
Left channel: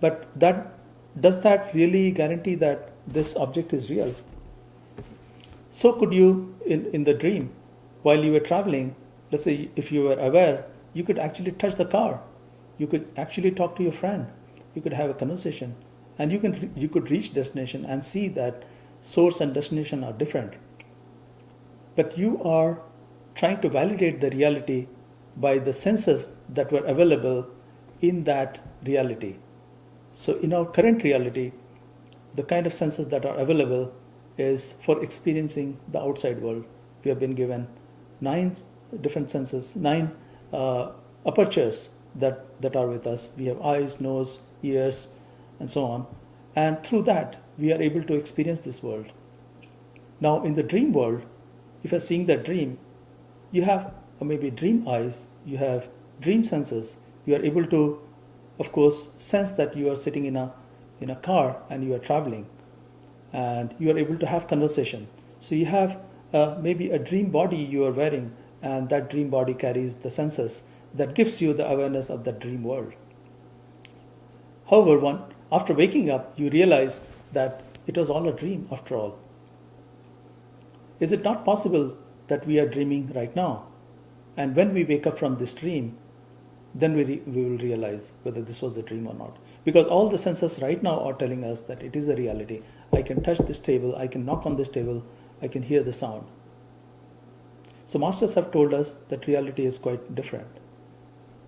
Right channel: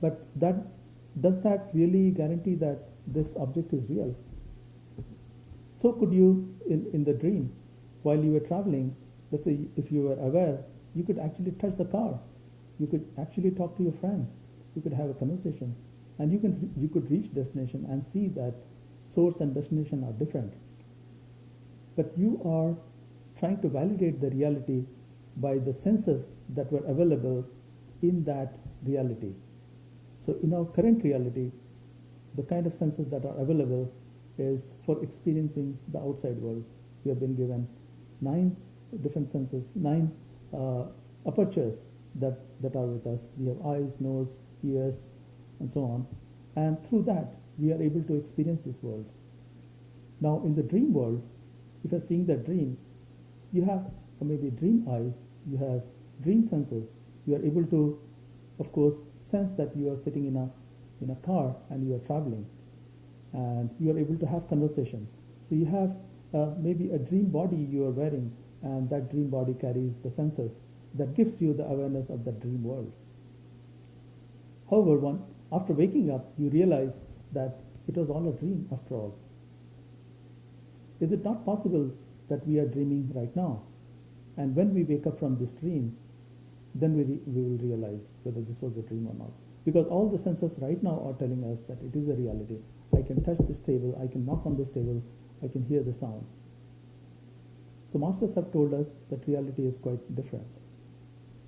but does that really guarantee that this object is real? So could you, in the dream, while you were traveling, let's say if you were aware, you could actually touch the car, you could actually talk to your friend, you could have a conversation, and you could reach destination and see that source and destination are different. But you are trying to validate the reality by the senses that were available in that reality. So in our current reality, the kind of senses that are available is for experiencing the outside world. We have been given 9 different senses, 9 apertures that are with us. We have eyes, nose, ears, and so on. And through that, we are able to experience this world. Now, in the dream world, if you're seeing that dream, you have maybe dream eyes, you have dream senses. You are able to, of course, sense that you are sitting in a car and you are traveling, and you are able to have conversation. So you have maybe a dream body you are wearing, and that dream body carries the senses that gives you the awareness of that dream world. However, after waking up, you realize that it was all a dream after all. Is it not possible that we are dreaming right now? And when we wake up from this dream, then we will realize whether this was a dream or not. Because all the senses right now are telling us that it is a reality. I can touch this table, I can knock on this table, I can hear the sound. So masters have told us that reality is quite different.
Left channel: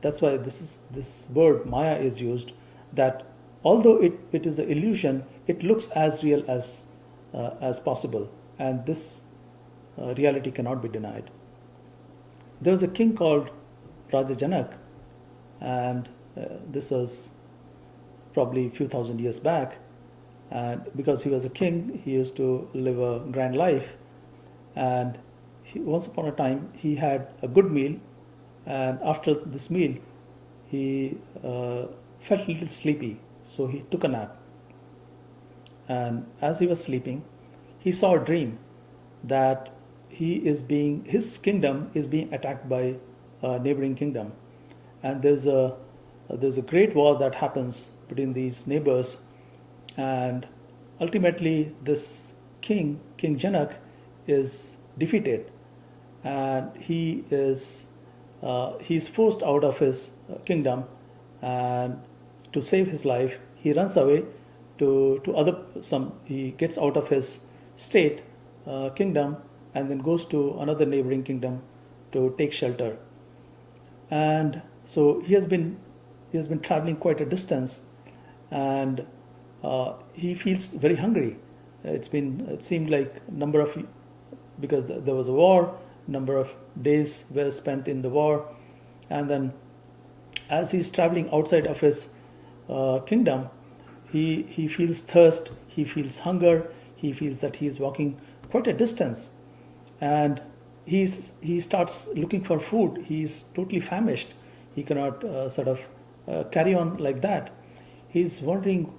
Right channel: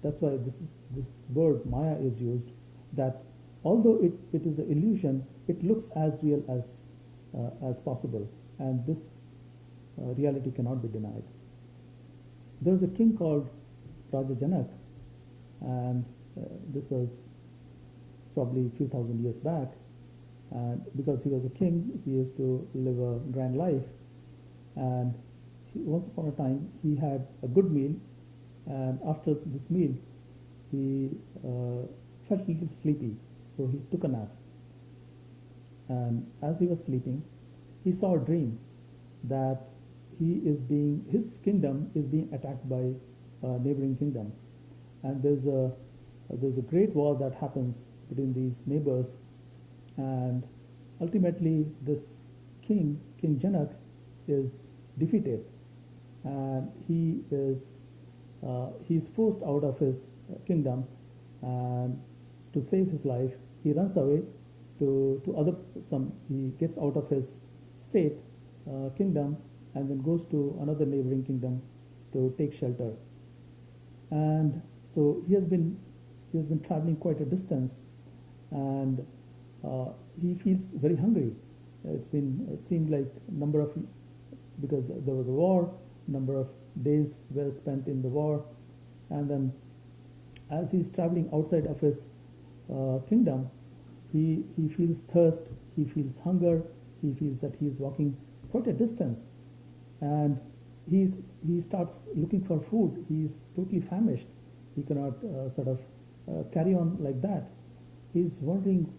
That's why this word Maya is used, that although it is an illusion, it looks as real as possible, and this reality cannot be denied. There was a king called Raja Janak, and this was probably a few thousand years back, and because he was a king, he used to live a grand life, and once upon a time he had a good meal, and after this meal he felt a little sleepy, so he took a nap. And as he was sleeping, he saw a dream that his kingdom is being attacked by a neighboring kingdom, and there's a great war that happens between these neighbors, and ultimately this King Janak, is defeated, and he's forced out of his kingdom, and to save his life he runs away he gets out of his state kingdom, and then goes to another neighboring kingdom to take shelter. And so he has been traveling quite a distance, and he feels very hungry. It seemed like because there was a war, number of days were spent in the war, and then as he's traveling outside of his kingdom, he feels thirst, he feels hunger, he feels that he is walking quite a distance, and he starts looking for food. He's totally famished. He cannot carry on like that. He's wondering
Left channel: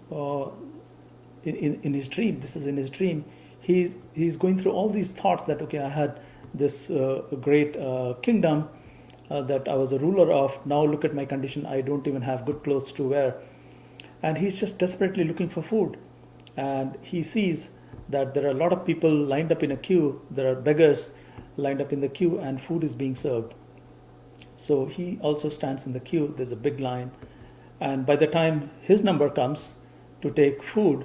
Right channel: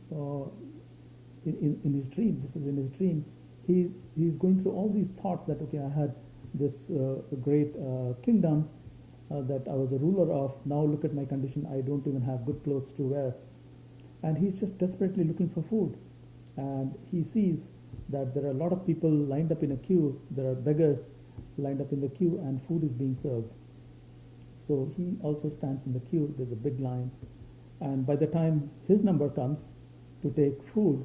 in his dream. This is in his dream. He's going through all these thoughts that, okay, I had this great kingdom that I was a ruler of. Now look at my condition. I don't even have good clothes to wear. And he's just desperately looking for food. And he sees that there are a lot of people lined up in a queue. There are beggars lined up in the queue, and food is being served. So he also stands in the queue. There's a big line. And by the time his number comes to take food,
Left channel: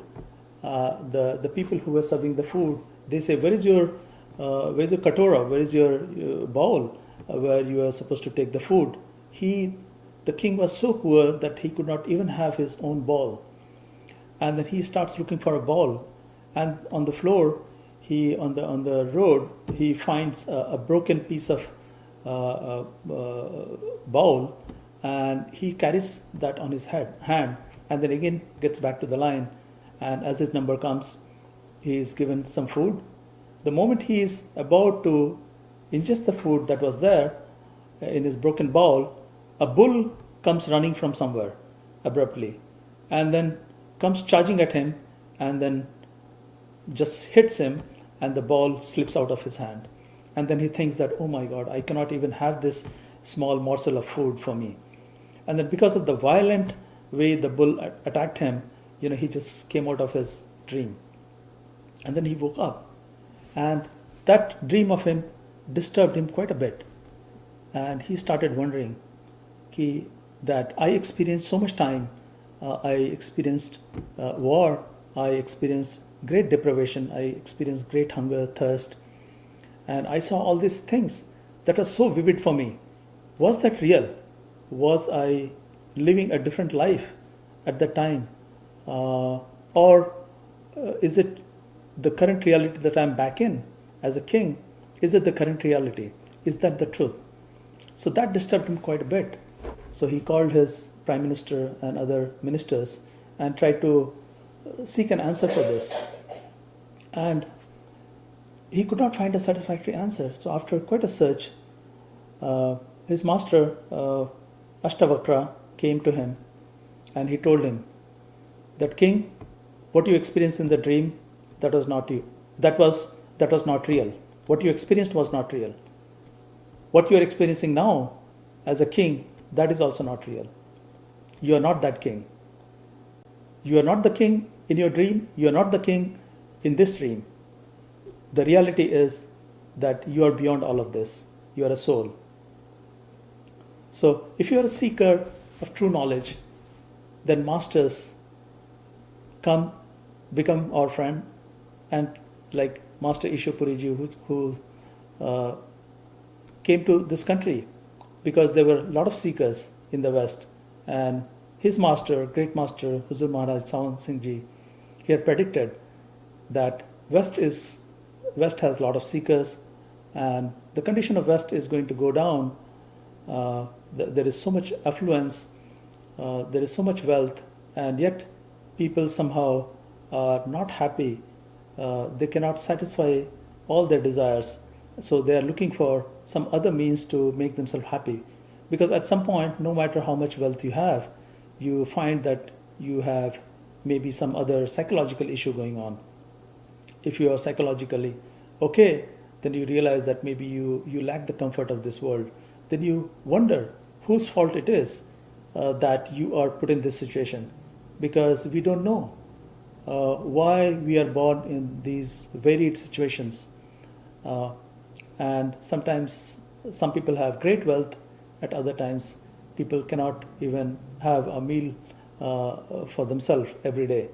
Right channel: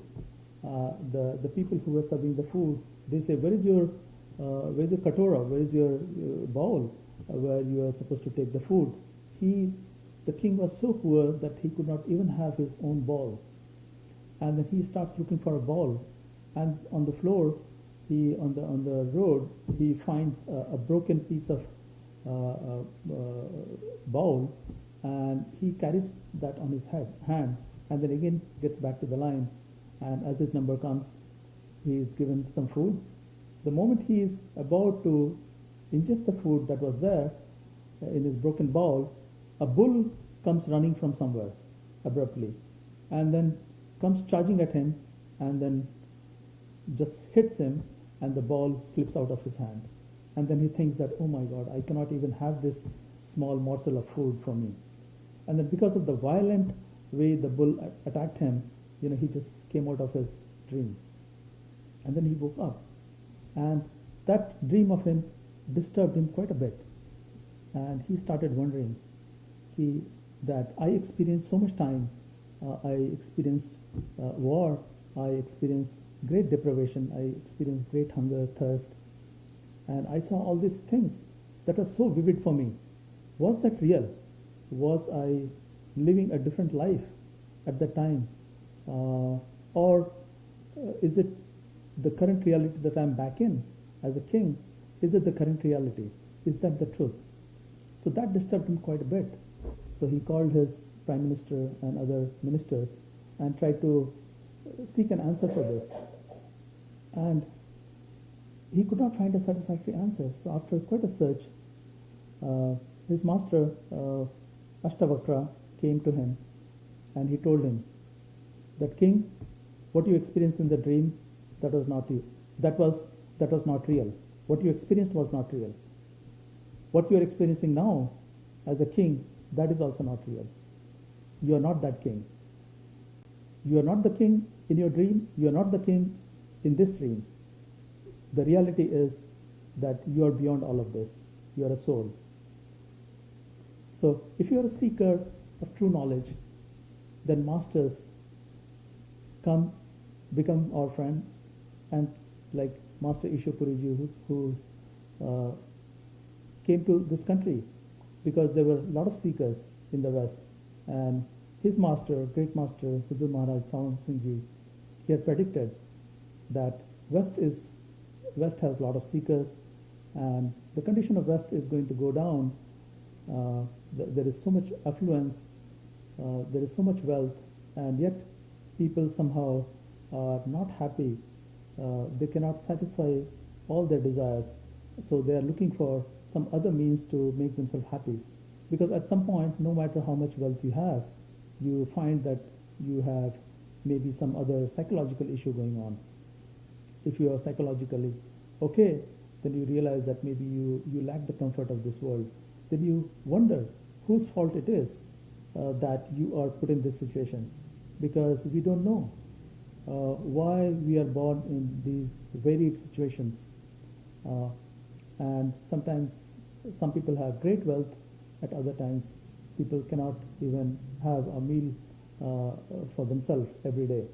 the people who were serving the food, they say, where's your katora? Where is your bowl where you are supposed to take the food? The king was so poor that he could not even have his own bowl. And then he starts looking for a bowl. And on the floor, on the road, he finds a broken piece of bowl, and he carries that on his hand, and then again gets back to the line. And as his number comes, he is given some food. The moment he is about to ingests the food that was there in his broken bowl, a bull comes running from somewhere abruptly and then comes charging at him and then just hits him, and the ball slips out of his hand. And then he thinks that, oh my God, I cannot even have this small morsel of food for me. And then because of the violent way the bull attacked him, he just came out of his dream. And then he woke up. And that dream of him disturbed him quite a bit. And he started wondering that I experienced so much time. I experienced war. I experienced great deprivation. I experienced great hunger, thirst. And I saw all these things that were so vivid for me. Was that real? Was I living a different life at that time? Or is it the current reality that I'm back in as a king? Is it the current reality? Is that the truth? So that disturbed him quite a bit. So he called his prime minister and other ministers and tried to seek an answer for this. And he could not find a satisfactory answer. So after quite a search, his master, Ashtavakra, came to him and he told him that, King, what you experienced in the dream, that was not you. That was not real. What you experienced was not real. What you are experiencing now as a king, that is also not real. You are not that king. You are not the king in your dream. You are not the king in this dream. The reality is that you are beyond all of this. You are a soul. So if you are a seeker of true knowledge, then masters become our friend, and like Master Ishwapuriji, who came to this country because there were a lot of seekers in the West, and his master, great master Huzur Maharaj Sawan Singh Ji, he had predicted that West has a lot of seekers, and the condition of West is going to go down. There is so much affluence, there is so much wealth, and yet people somehow are not happy. They cannot satisfy all their desires, so they are looking for some other means to make themselves happy. Because at some point, no matter how much wealth you have, you find that you have maybe some other psychological issue going on. If you are psychologically okay, then you realize that maybe you lack the comfort of this world. Then you wonder whose fault it is that you are put in this situation, because we don't know why we are born in these varied situations. And sometimes some people have great wealth, at other times people cannot even have a meal for themselves every day.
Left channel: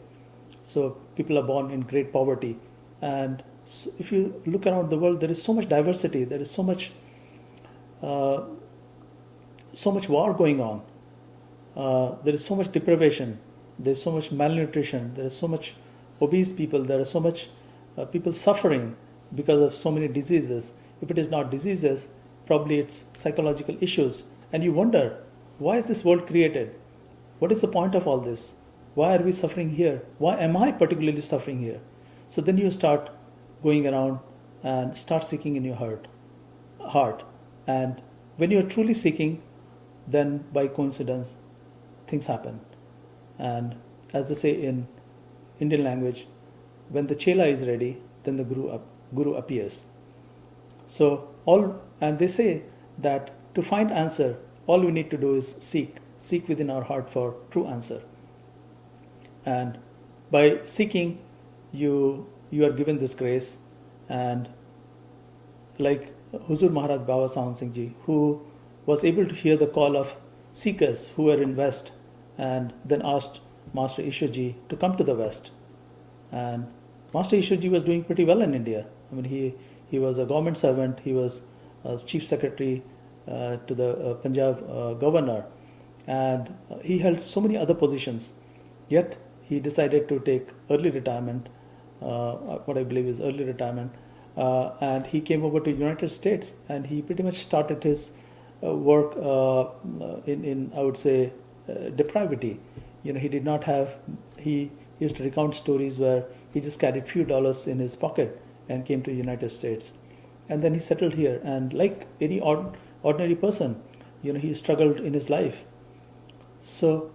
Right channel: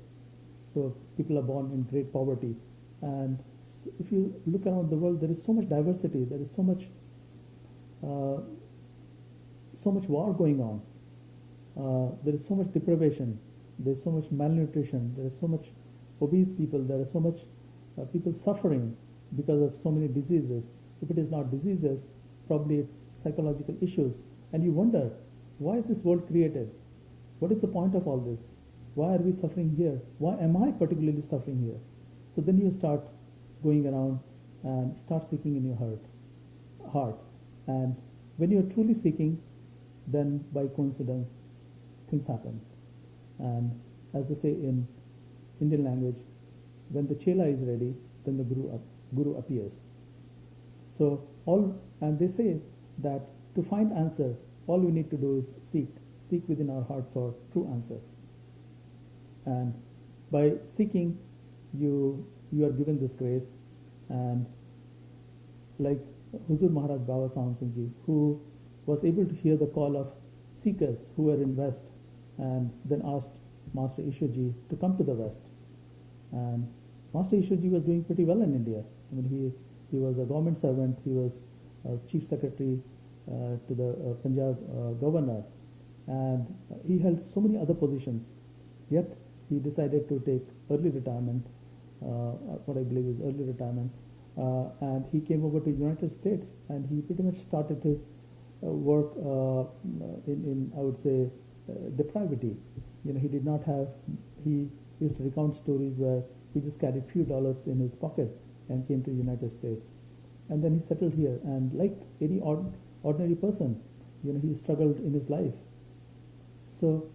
So people are born in great poverty. And if you look around the world, there is so much diversity, there is so much war going on, there is so much deprivation, there is so much malnutrition, there is so much obese people, there are so much people suffering because of so many diseases. If it is not diseases, probably it's psychological issues. And you wonder, why is this world created? What is the point of all this? Why are we suffering here? Why am I particularly suffering here? So then you start going around and start seeking in your heart. And when you are truly seeking, then by coincidence, things happen. And as they say in Indian language, when the chela is ready, then the guru appears. So and they say that to find answer, all we need to do is seek within our heart for true answer. And by seeking, you are given this grace. And like Huzur Maharaj Baba Sawan Singh Ji, who was able to hear the call of seekers who were in West, and then asked Master Ishwarji to come to the West. And Master Ishwarji was doing pretty well in India. I mean, he was a government servant, he was chief secretary to the Punjab governor, and he held so many other positions. Yet he decided to take early retirement, what I believe is early retirement, and he came over to United States, and he pretty much started his work in I would say depravity. He did not have, he used to recount stories where he just carried few dollars in his pocket and came to the United States. and then he settled here. And like any ordinary person, he struggled in his life. So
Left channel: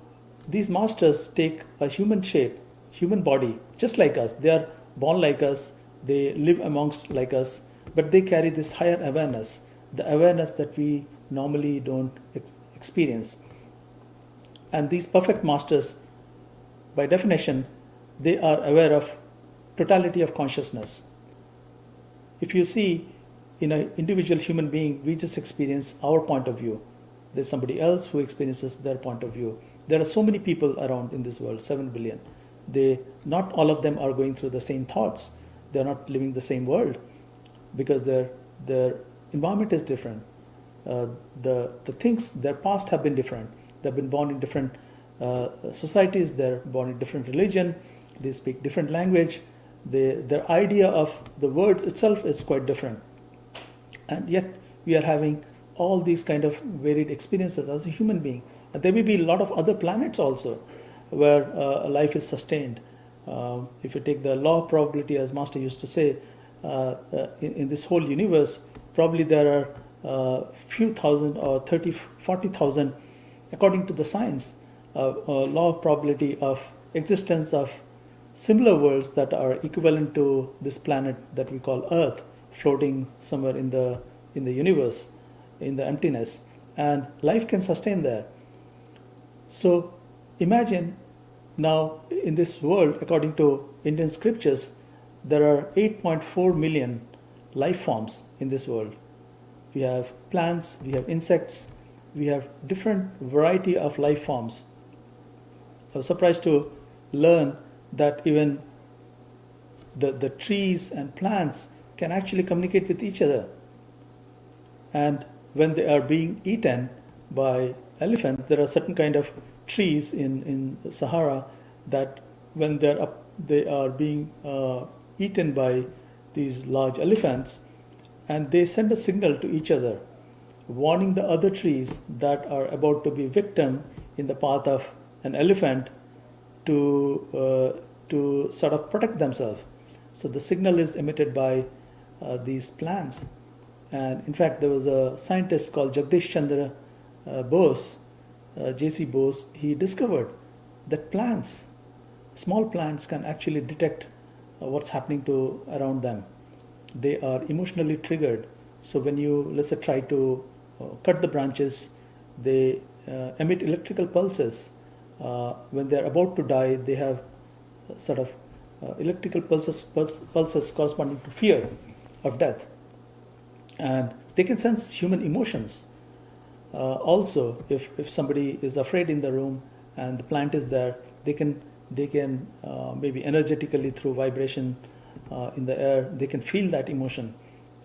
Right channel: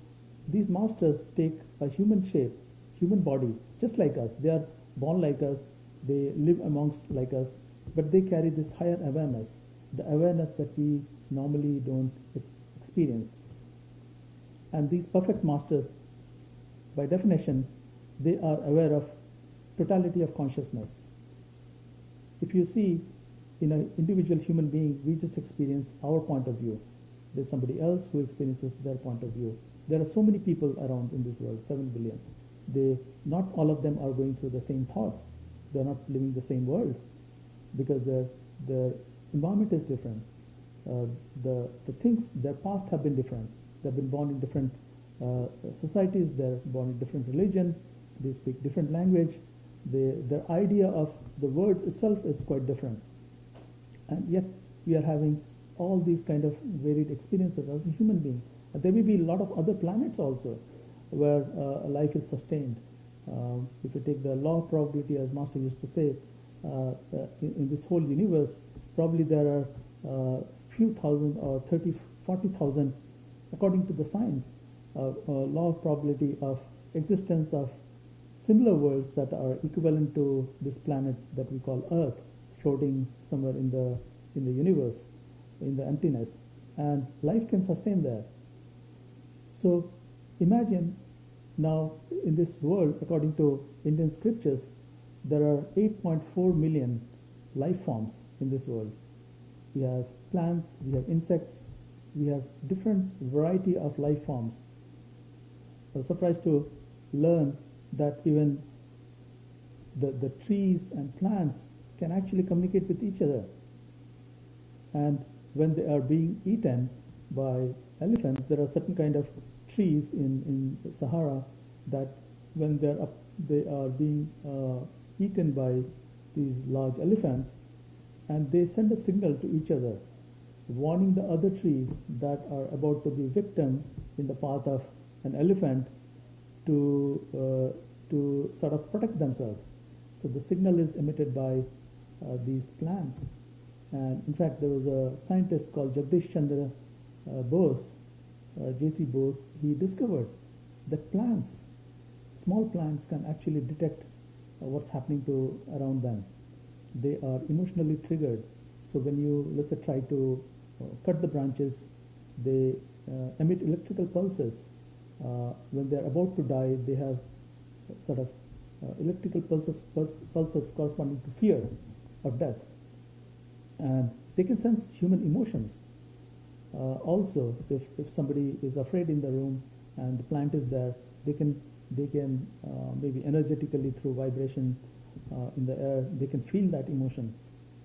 these masters take a human shape, human body, just like us. They are born like us, they live amongst like us, but they carry this higher awareness, the awareness that we normally don't experience. And these perfect masters, by definition, they are aware of totality of consciousness. If you see, in an individual human being, we just experience our point of view. There's somebody else who experiences their point of view. There are so many people around in this world, 7 billion. Not all of them are going through the same thoughts. They're not living the same world because their environment is different. The things, their past have been different. They've been born in different societies. They're born in different religion. They speak different language. Their idea of the words itself is quite different. And yet we are having all these kind of varied experiences as a human being. And there may be a lot of other planets also where life is sustained. If you take the law of probability, as Master used to say, in this whole universe, probably there are few thousand or 30, 40,000, according to the science, law of probability of existence of similar worlds that are equivalent to this planet that we call Earth, floating somewhere in the universe, in the emptiness, and life can sustain there. So imagine now in this world, according to Indian scriptures, there are 8.4 million life forms in this world. We have plants, we have insects, we have different variety of life forms. I was surprised to learn that even the trees and plants can actually communicate with each other. And when they are being eaten by elephants, there are certain kind of trees in the Sahara that when they are being eaten by these large elephants, and they send a signal to each other, warning the other trees that are about to be victim in the path of an elephant to sort of protect themselves. So the signal is emitted by these plants. And in fact, there was a scientist called Jagdish Bose, J.C. Bose. He discovered that plants, small plants, can actually detect what's happening to around them. They are emotionally triggered. So when you, let's say, try to cut the branches, they emit electrical pulses. When they're about to die, they have sort of electrical pulses corresponding to fear of death. And they can sense human emotions. Also, if somebody is afraid in the room and the plant is there, they can maybe energetically through vibration in the air, they can feel that emotion,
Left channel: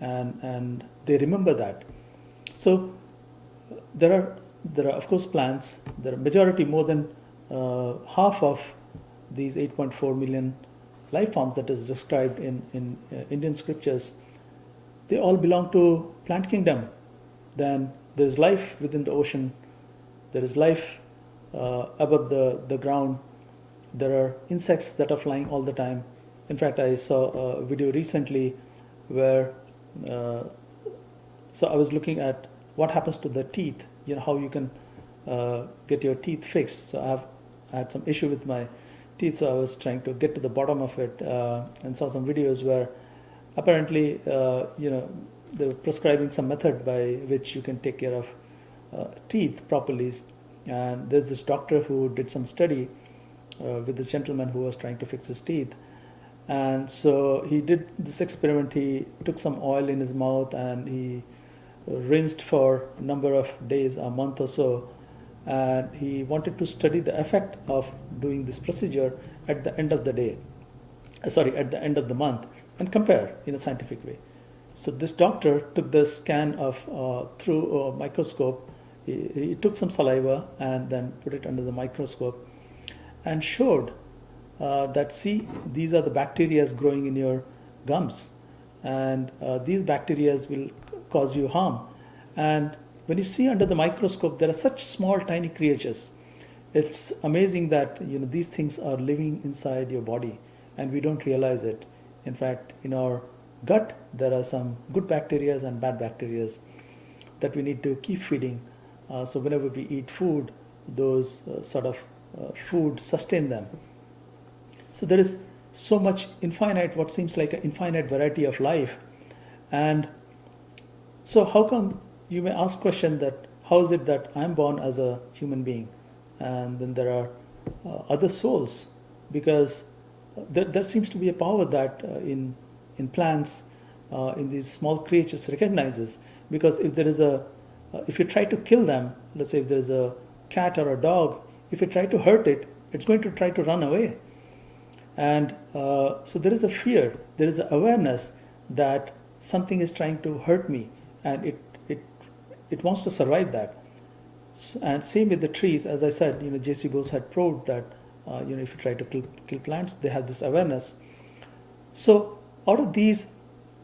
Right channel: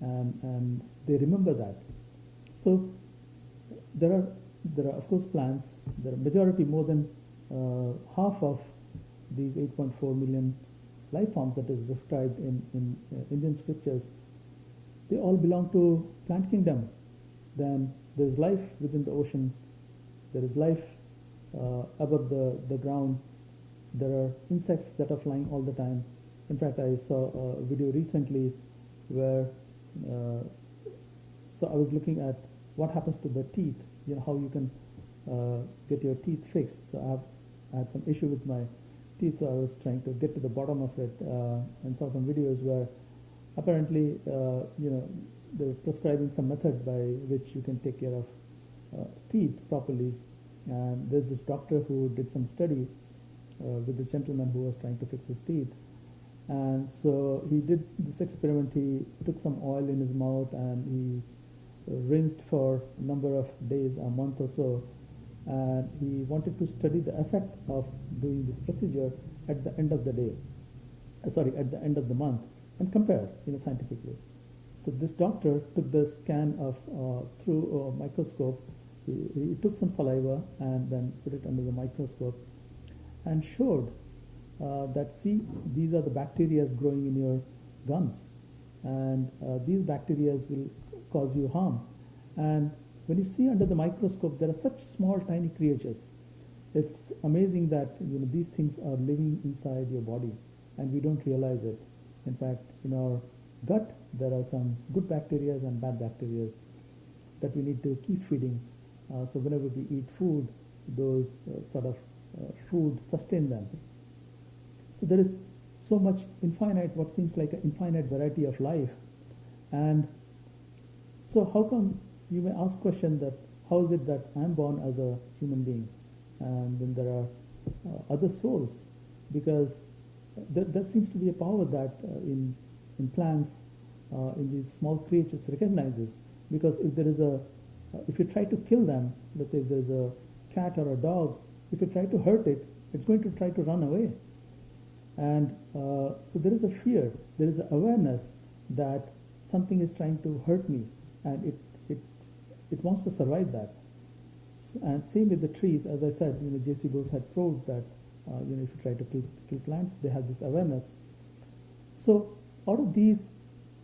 and they remember that. So there are of course plants. There are majority, more than half of these 8.4 million life forms that is described in Indian scriptures. They all belong to plant kingdom. Then there's life within the ocean. There is life above the ground. There are insects that are flying all the time. In fact, I saw a video recently where so I was looking at what happens to the teeth. How you can get your teeth fixed. So I had some issue with my teeth, so I was trying to get to the bottom of it, and saw some videos where apparently they were prescribing some method by which you can take care of teeth properly. And there's this doctor who did some study with this gentleman who was trying to fix his teeth. And so he did this experiment. He took some oil in his mouth and he rinsed for a number of days, a month or so. And he wanted to study the effect of doing this procedure at the end of the day, at the end of the month, and compare in a scientific way. So this doctor took the scan of through a microscope. He took some saliva and then put it under the microscope and showed that, see, these are the bacteria growing in your gums, and these bacteria will cause you harm. And when you see under the microscope, there are such small, tiny creatures. It's amazing that these things are living inside your body, and we don't realize it. In fact, in our gut, there are some good bacteria and bad bacteria that we need to keep feeding. So whenever we eat food, those food sustain them. So there is so much infinite, what seems like an infinite variety of life. And so how come, you may ask question that how is it that I'm born as a human being and then there are other souls? Because there seems to be a power that in plants, in these small creatures recognizes. Because if there is if you try to kill them, let's say if there is a cat or a dog, if you try to hurt it, it's going to try to run away. And so there is a fear, there is an awareness that something is trying to hurt me, and it wants to survive that. And same with the trees, as I said, J.C. Bose had proved that if you try to kill plants, they have this awareness. So out of these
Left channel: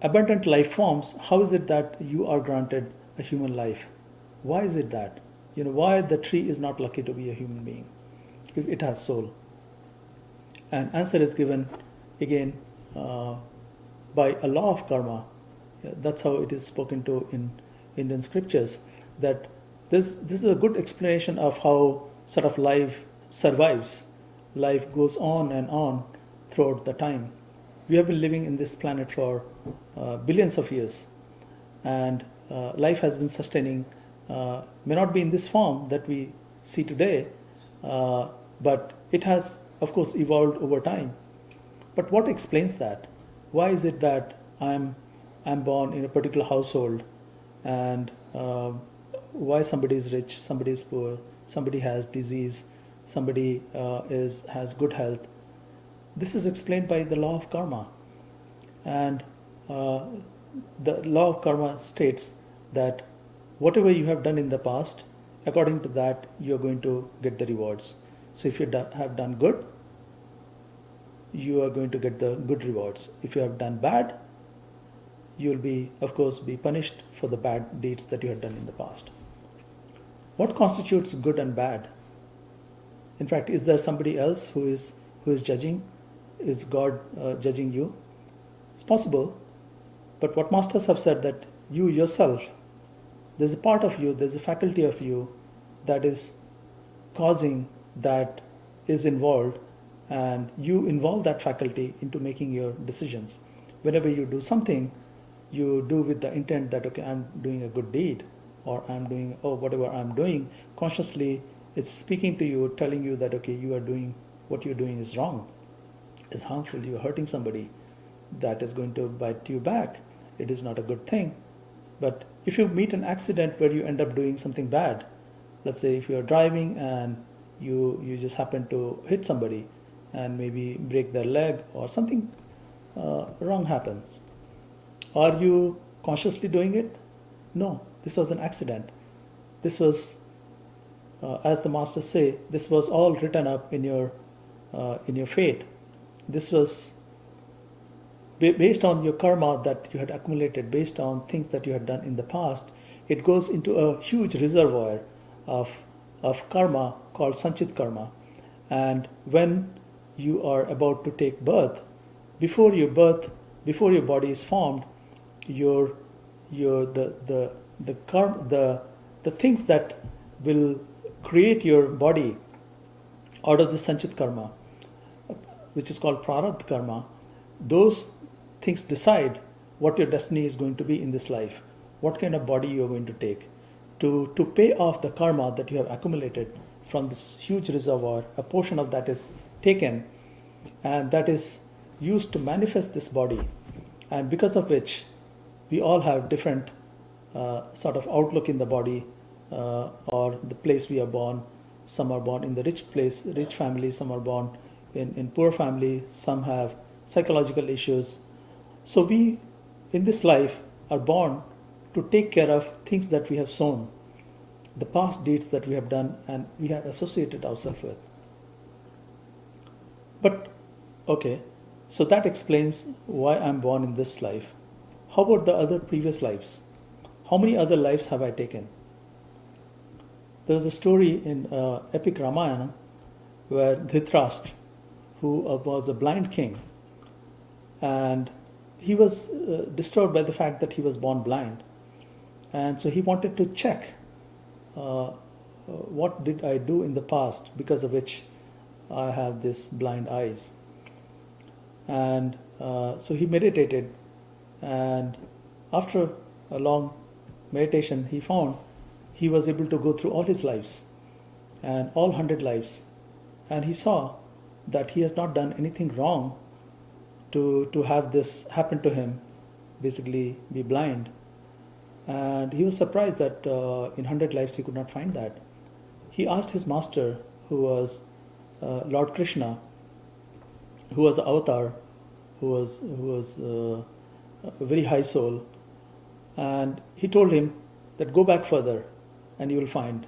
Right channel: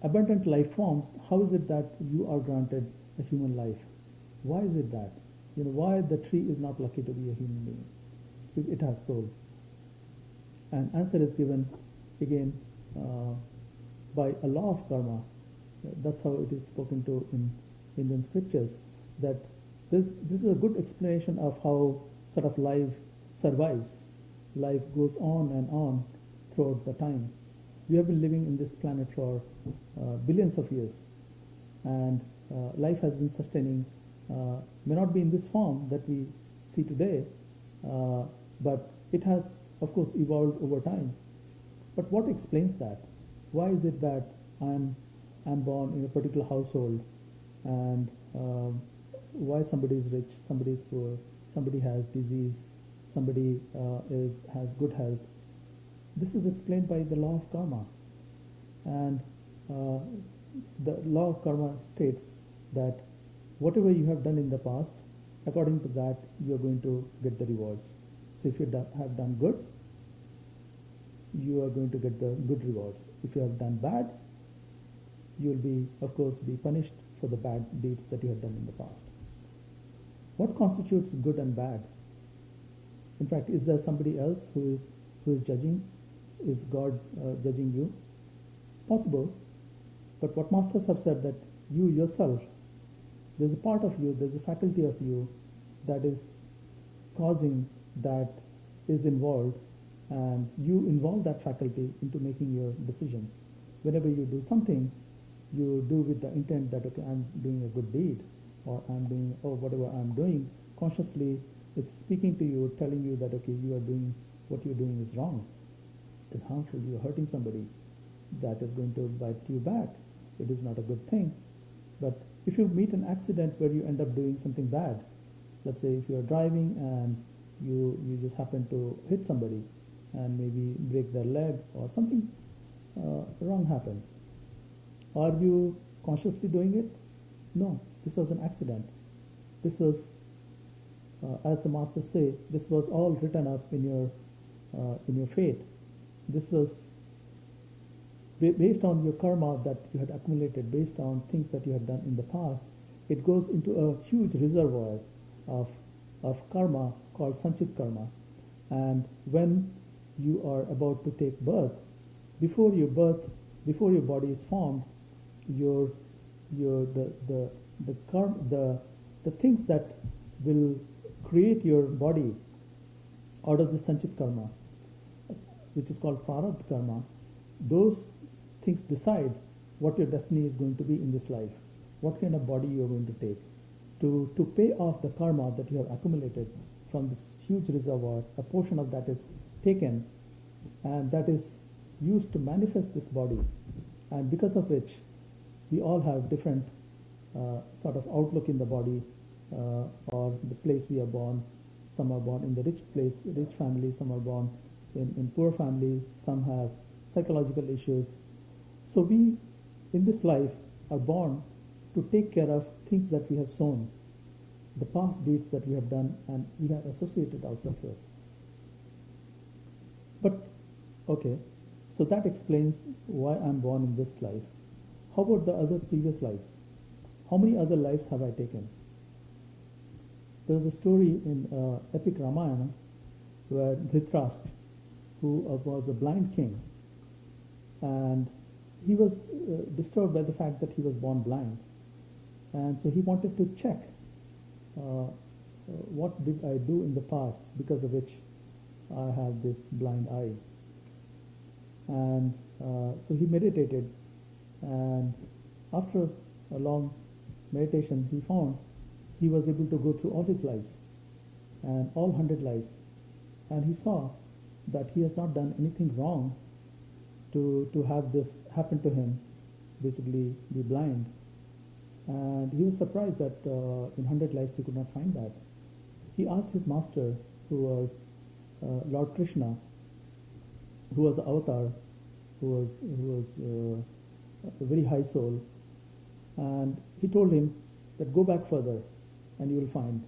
abundant life forms, how is it that you are granted a human life? Why is it that? Why the tree is not lucky to be a human being if it has soul? And answer is given again by a law of karma. That's how it is spoken to in Indian scriptures. That this is a good explanation of how sort of life survives. Life goes on and on throughout the time. We have been living in this planet for billions of years, and life has been sustaining. May not be in this form that we see today, but it has, of course, evolved over time. But what explains that? Why is it that I'm born in a particular household, and why somebody is rich, somebody is poor, somebody has disease, somebody has good health? This is explained by the law of karma. And the law of karma states that whatever you have done in the past, according to that, you are going to get the rewards. So if you have done good, you are going to get the good rewards. If you have done bad, you will be, of course, be punished for the bad deeds that you have done in the past. What constitutes good and bad? In fact, is there somebody else who is judging? Is God judging you? It's possible. But what masters have said, that you yourself, there's a part of you, there's a faculty of you that is causing, that is involved, and you involve that faculty into making your decisions. Whenever you do something, you do with the intent that, okay, I'm doing a good deed, or I'm doing, whatever I'm doing, consciously it's speaking to you, telling you that, okay, you are doing, what you're doing is wrong, is harmful, you're hurting somebody, that is going to bite you back, it is not a good thing. But if you meet an accident where you end up doing something bad, let's say if you're driving and you just happen to hit somebody and maybe break their leg or something wrong happens, are you consciously doing it? No, this was an accident. This was, as the masters say, this was all written up in your fate. This was based on your karma that you had accumulated, based on things that you had done in the past. It goes into a huge reservoir of karma called sanchit karma. And when you are about to take birth, before your body is formed, the things that will create your body out of the sanchit karma, which is called prarabdha karma, those things decide what your destiny is going to be in this life, what kind of body you are going to take, to pay off the karma that you have accumulated from this huge reservoir. A portion of that is taken, and that is used to manifest this body, and because of which we all have different sort of outlook in the body, or the place we are born. Some are born in the rich family, some are born in poor family, some have psychological issues. So we, in this life, are born to take care of things that we have sown, the past deeds that we have done and we have associated ourselves with. But, okay, so that explains why I'm born in this life. How about the other previous lives? How many other lives have I taken? There was a story in epic Ramayana where Dhritarashtra, who was a blind king, and he was disturbed by the fact that he was born blind. And so he wanted to check what did I do in the past because of which I have this blind eyes. And so he meditated, and after a long meditation, he found he was able to go through all his lives and all 100 lives. And he saw that he has not done anything wrong to have this happen to him, basically be blind. And he was surprised that in 100 lives he could not find that. He asked his master, who was Lord Krishna, who was an avatar, who was a very high soul, and he told him that go back further, and you'll find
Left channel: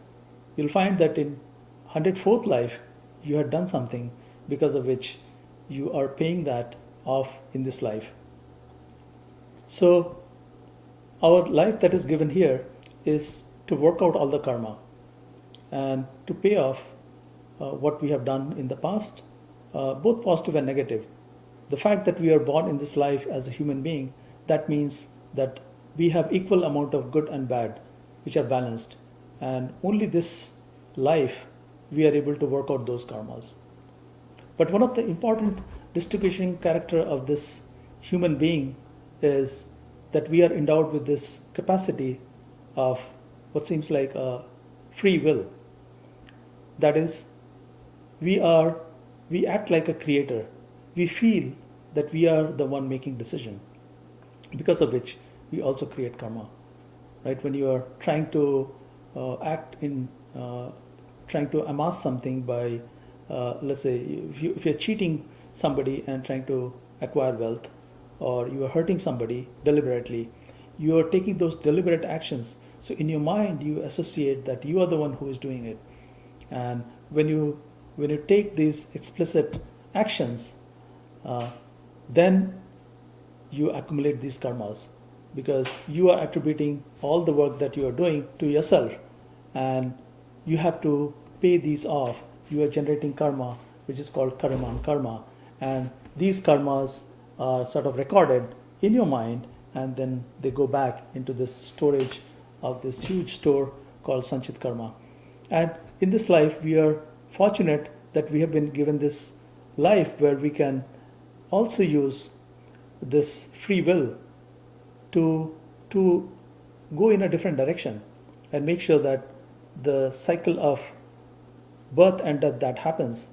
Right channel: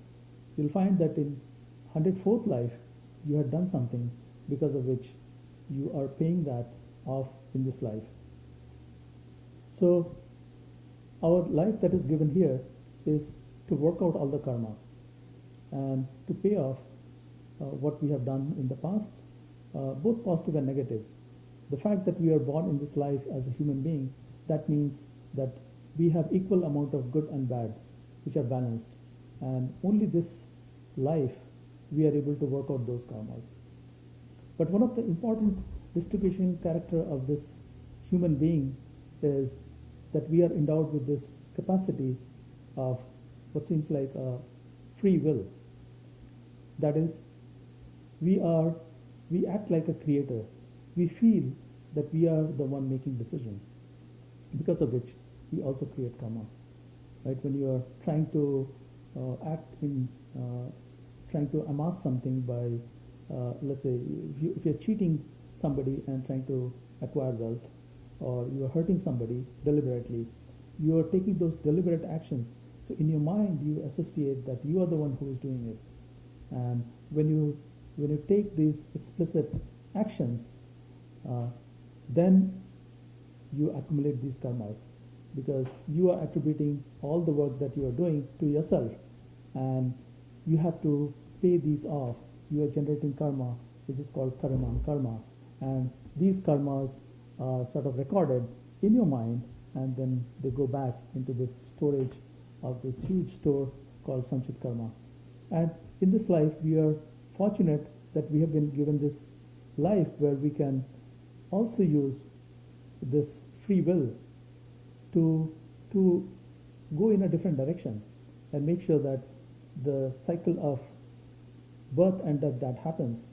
that in 104th life you had done something because of which you are paying that off in this life. So our life that is given here is to work out all the karma and to pay off what we have done in the past, both positive and negative. The fact that we are born in this life as a human being, that means that we have equal amount of good and bad, which are balanced. And only this life we are able to work out those karmas. But one of the important distinguishing character of this human being is that we are endowed with this capacity of what seems like a free will. That is, we act like a creator. We feel that we are the one making decision, because of which we also create karma. Right? When you are trying to trying to amass something by, let's say, if you're cheating somebody and trying to acquire wealth, or you are hurting somebody deliberately, you are taking those deliberate actions. So in your mind, you associate that you are the one who is doing it. And when you take these explicit actions, then you accumulate these karmas, because you are attributing all the work that you are doing to yourself, and you have to pay these off. You are generating karma, which is called karma, and these karmas are sort of recorded in your mind, and then they go back into this storage of this huge store called Sanchit Karma. And in this life, we are fortunate that we have been given this life where we can also use this free will to go in a different direction and make sure that the cycle of birth and death that happens,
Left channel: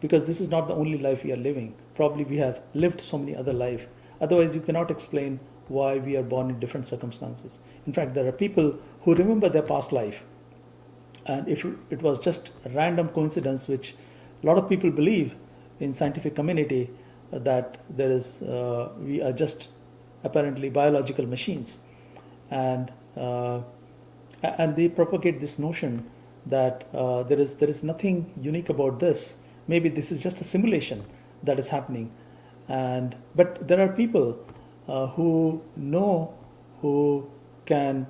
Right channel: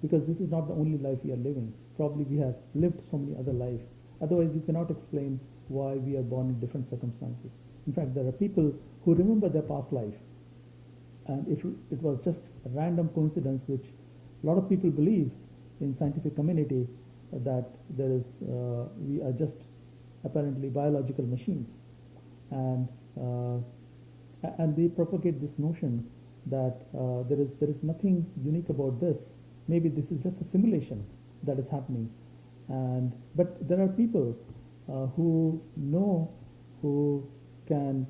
because this is not the only life we are living. Probably we have lived so many other lives. Otherwise, you cannot explain why we are born in different circumstances. In fact, there are people who remember their past life. And if it was just a random coincidence, which a lot of people believe in scientific community, that there is, we are just apparently biological machines. And they propagate this notion that there is nothing unique about this. Maybe this is just a simulation that is happening. But there are people who know, who can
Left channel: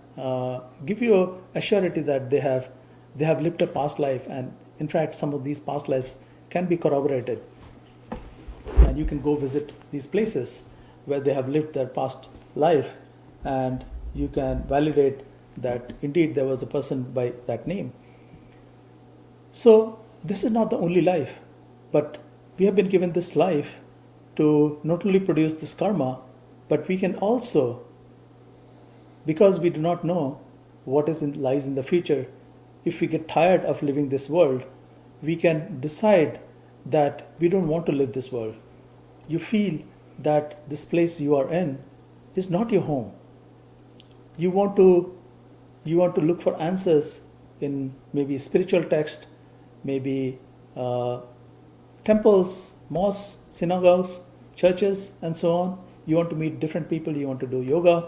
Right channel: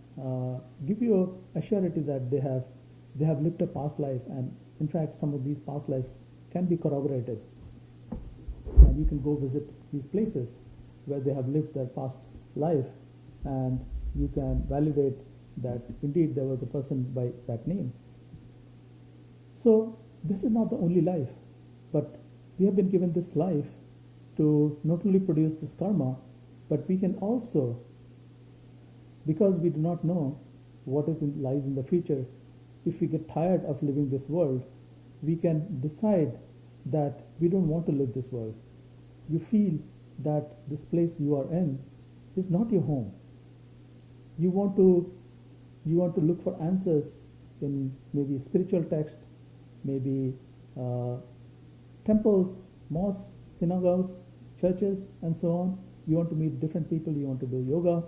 give you a surety that they have lived a past life, and in fact some of these past lives can be corroborated, and you can go visit these places where they have lived their past life, and you can validate that indeed there was a person by that name. So this is not the only life, but we have been given this life to not only produce this karma, but we can also, because we do not know what lies in the future, if we get tired of living this world, we can decide that we don't want to live this world. You feel that this place you are in is not your home. You want to look for answers in maybe spiritual text, maybe temples, mosques, synagogues, churches, and so on. You want to meet different people, you want to do yoga,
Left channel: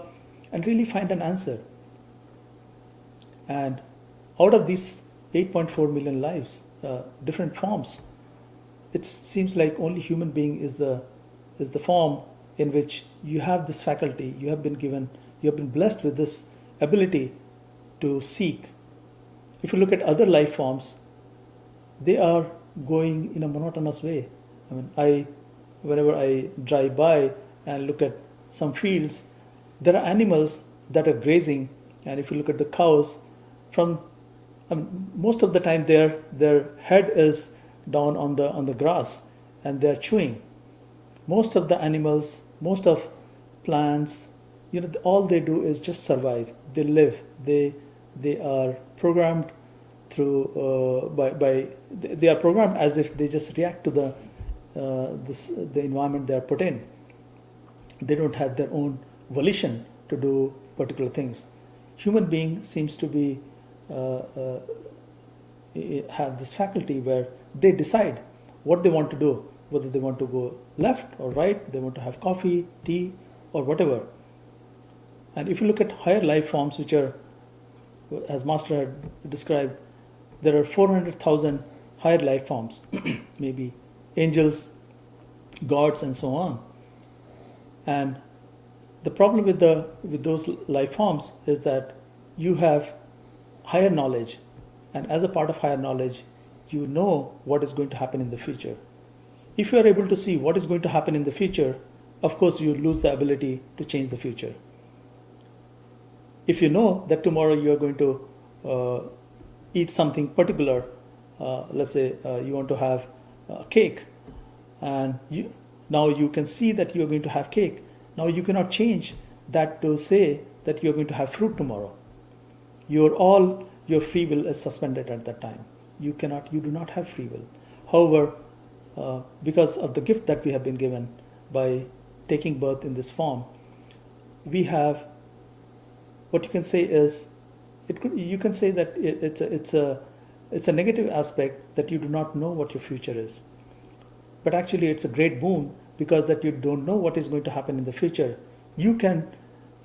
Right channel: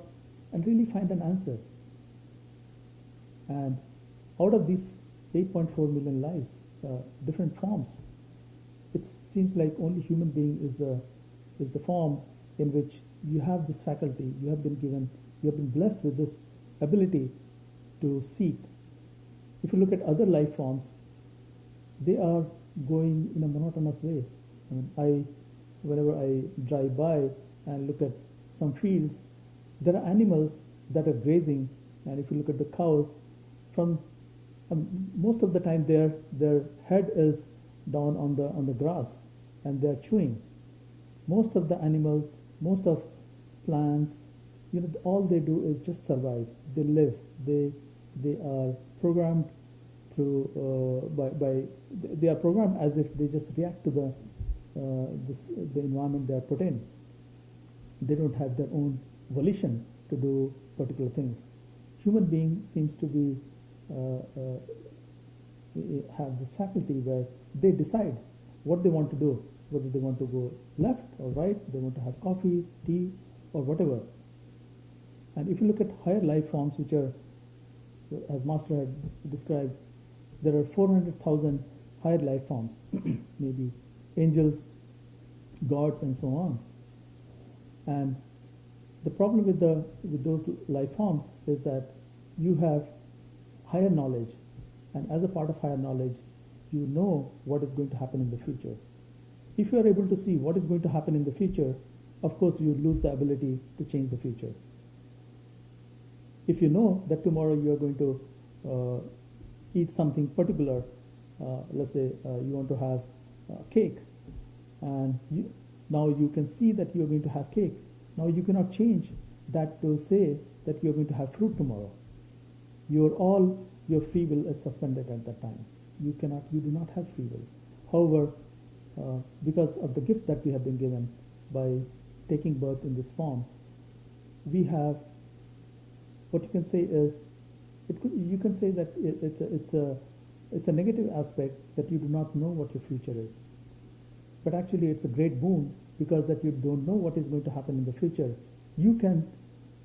and really find an answer. And out of these 8.4 million lives, different forms, it seems like only human being is the form in which you have this faculty. You have been blessed with this ability to seek. If you look at other life forms, they are going in a monotonous way. I mean, whenever I drive by and look at some fields, there are animals that are grazing, and if you look at the cows, from most of the time their head is down on the grass, and they're chewing. Most of the animals, most of plants, all they do is just survive. They live. They are programmed through by they are programmed as if they just react to the environment they are put in. They don't have their own volition to do particular things. Human being seems to be uh, uh, have this faculty where they decide what they want to do, whether they want to go left or right, they want to have coffee, tea, or whatever. And if you look at higher life forms, which are, as Master had described, there are 400,000 higher life forms, maybe angels, gods, and so on. And the problem with those life forms is that you have higher knowledge, and as a part of higher knowledge, you know what is going to happen in the future. If you are able to see what is going to happen in the future, of course you lose the ability to change the future. If you know that tomorrow you are going to eat something particular, let's say you want to have cake, and now you can see that you are going to have cake. Now you cannot change that to say that you are going to have fruit tomorrow. Your free will is suspended at that time. You do not have free will. However, because of the gift that we have been given by taking birth in this form, we have, what you can say is, you can say that it's a negative aspect that you do not know what your future is. But actually it's a great boon, because that you don't know what is going to happen in the future. You can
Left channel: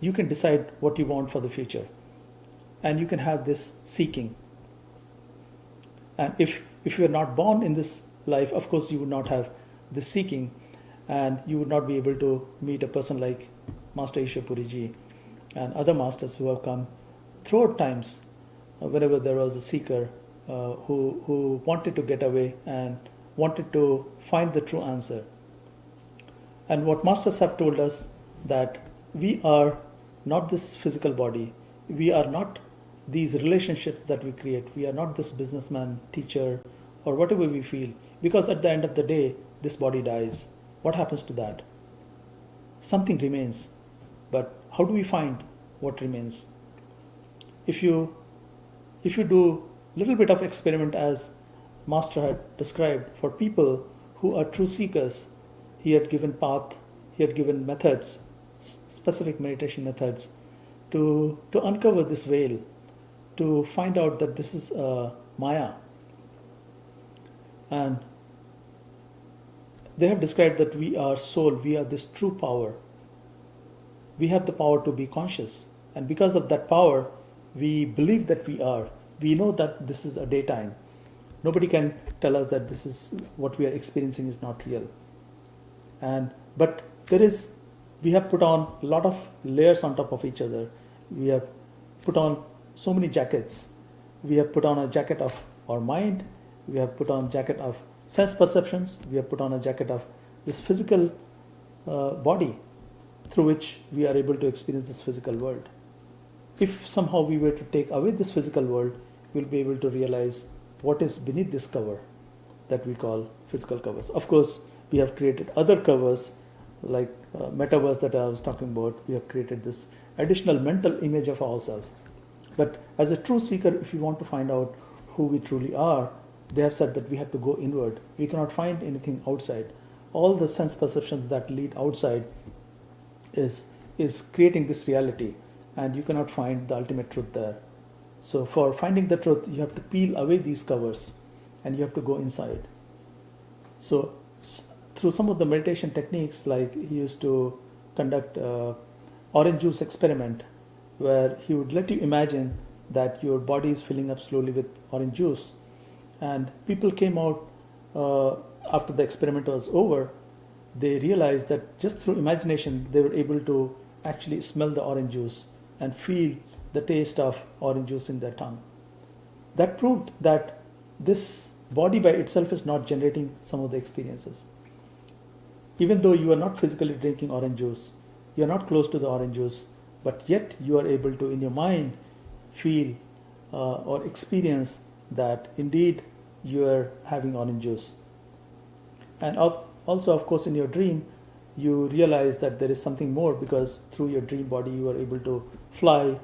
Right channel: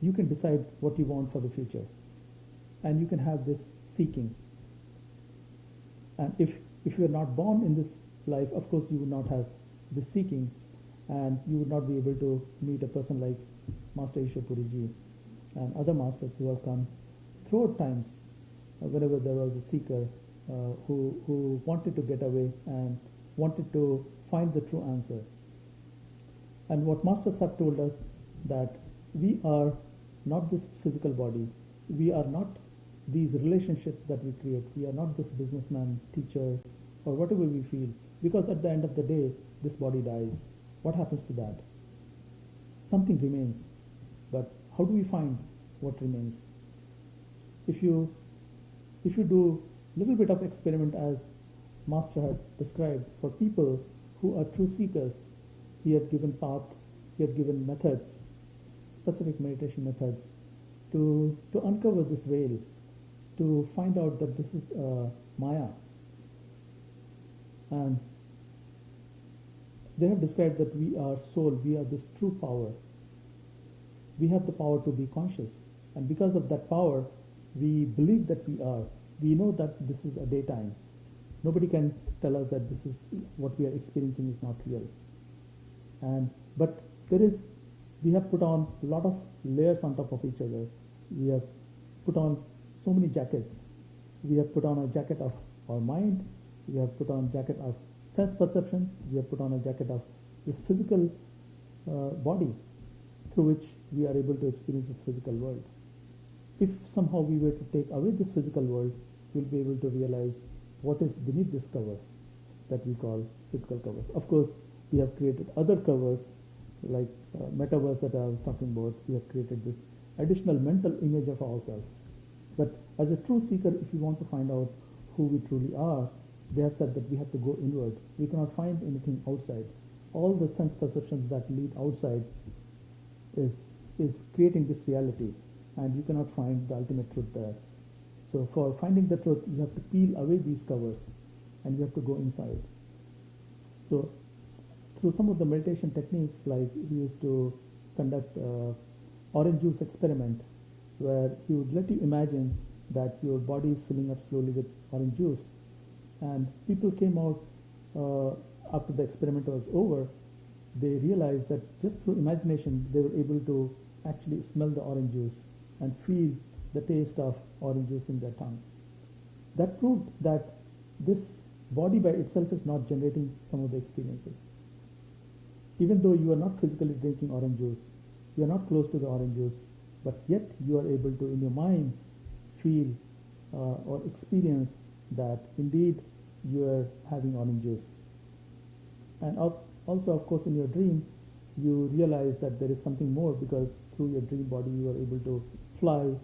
decide what you want for the future, and you can have this seeking. And if you are not born in this life, of course you would not have this seeking, and you would not be able to meet a person like Master Ishwar Ji and other masters who have come throughout times, whenever there was a seeker who wanted to get away and wanted to find the true answer. And what masters have told us, that we are not this physical body, we are not these relationships that we create, we are not this businessman, teacher, or whatever we feel, because at the end of the day this body dies. What happens to that? Something remains, but how do we find what remains? If you do little bit of experiment, as Master had described, for people who are true seekers, he had given path, he had given methods, specific meditation methods, to uncover this veil, to find out that this is Maya. And they have described that we are soul, we are this true power. We have the power to be conscious, and because of that power, we believe that we are. We know that this is a daytime. Nobody can tell us that this is what we are experiencing is not real. But we have put on a lot of layers on top of each other. We have put on so many jackets. We have put on a jacket of our mind. We have put on a jacket of sense perceptions. We have put on a jacket of this physical body, through which we are able to experience this physical world. If somehow we were to take away this physical world, we'll be able to realize what is beneath this cover that we call physical covers. Of course, we have created other covers, like metaverse that I was talking about. We have created this additional mental image of ourselves. But as a true seeker, if you want to find out who we truly are, they have said that we have to go inward. We cannot find anything outside. All the sense perceptions that lead outside is creating this reality, and you cannot find the ultimate truth there. So for finding the truth, you have to peel away these covers, and you have to go inside. So through some of the meditation techniques, like he used to conduct orange juice experiment, where he would let you imagine that your body is filling up slowly with orange juice, and people came out after the experiment was over. They realized that just through imagination they were able to actually smell the orange juice and feel the taste of orange juice in their tongue. That proved that this body by itself is not generating some of the experiences. Even though you are not physically drinking orange juice, you're not close to the orange juice, but yet you are able to, in your mind, feel or experience that indeed you are having orange juice. And also, of course, in your dream, you realize that there is something more, because through your dream body you are able to fly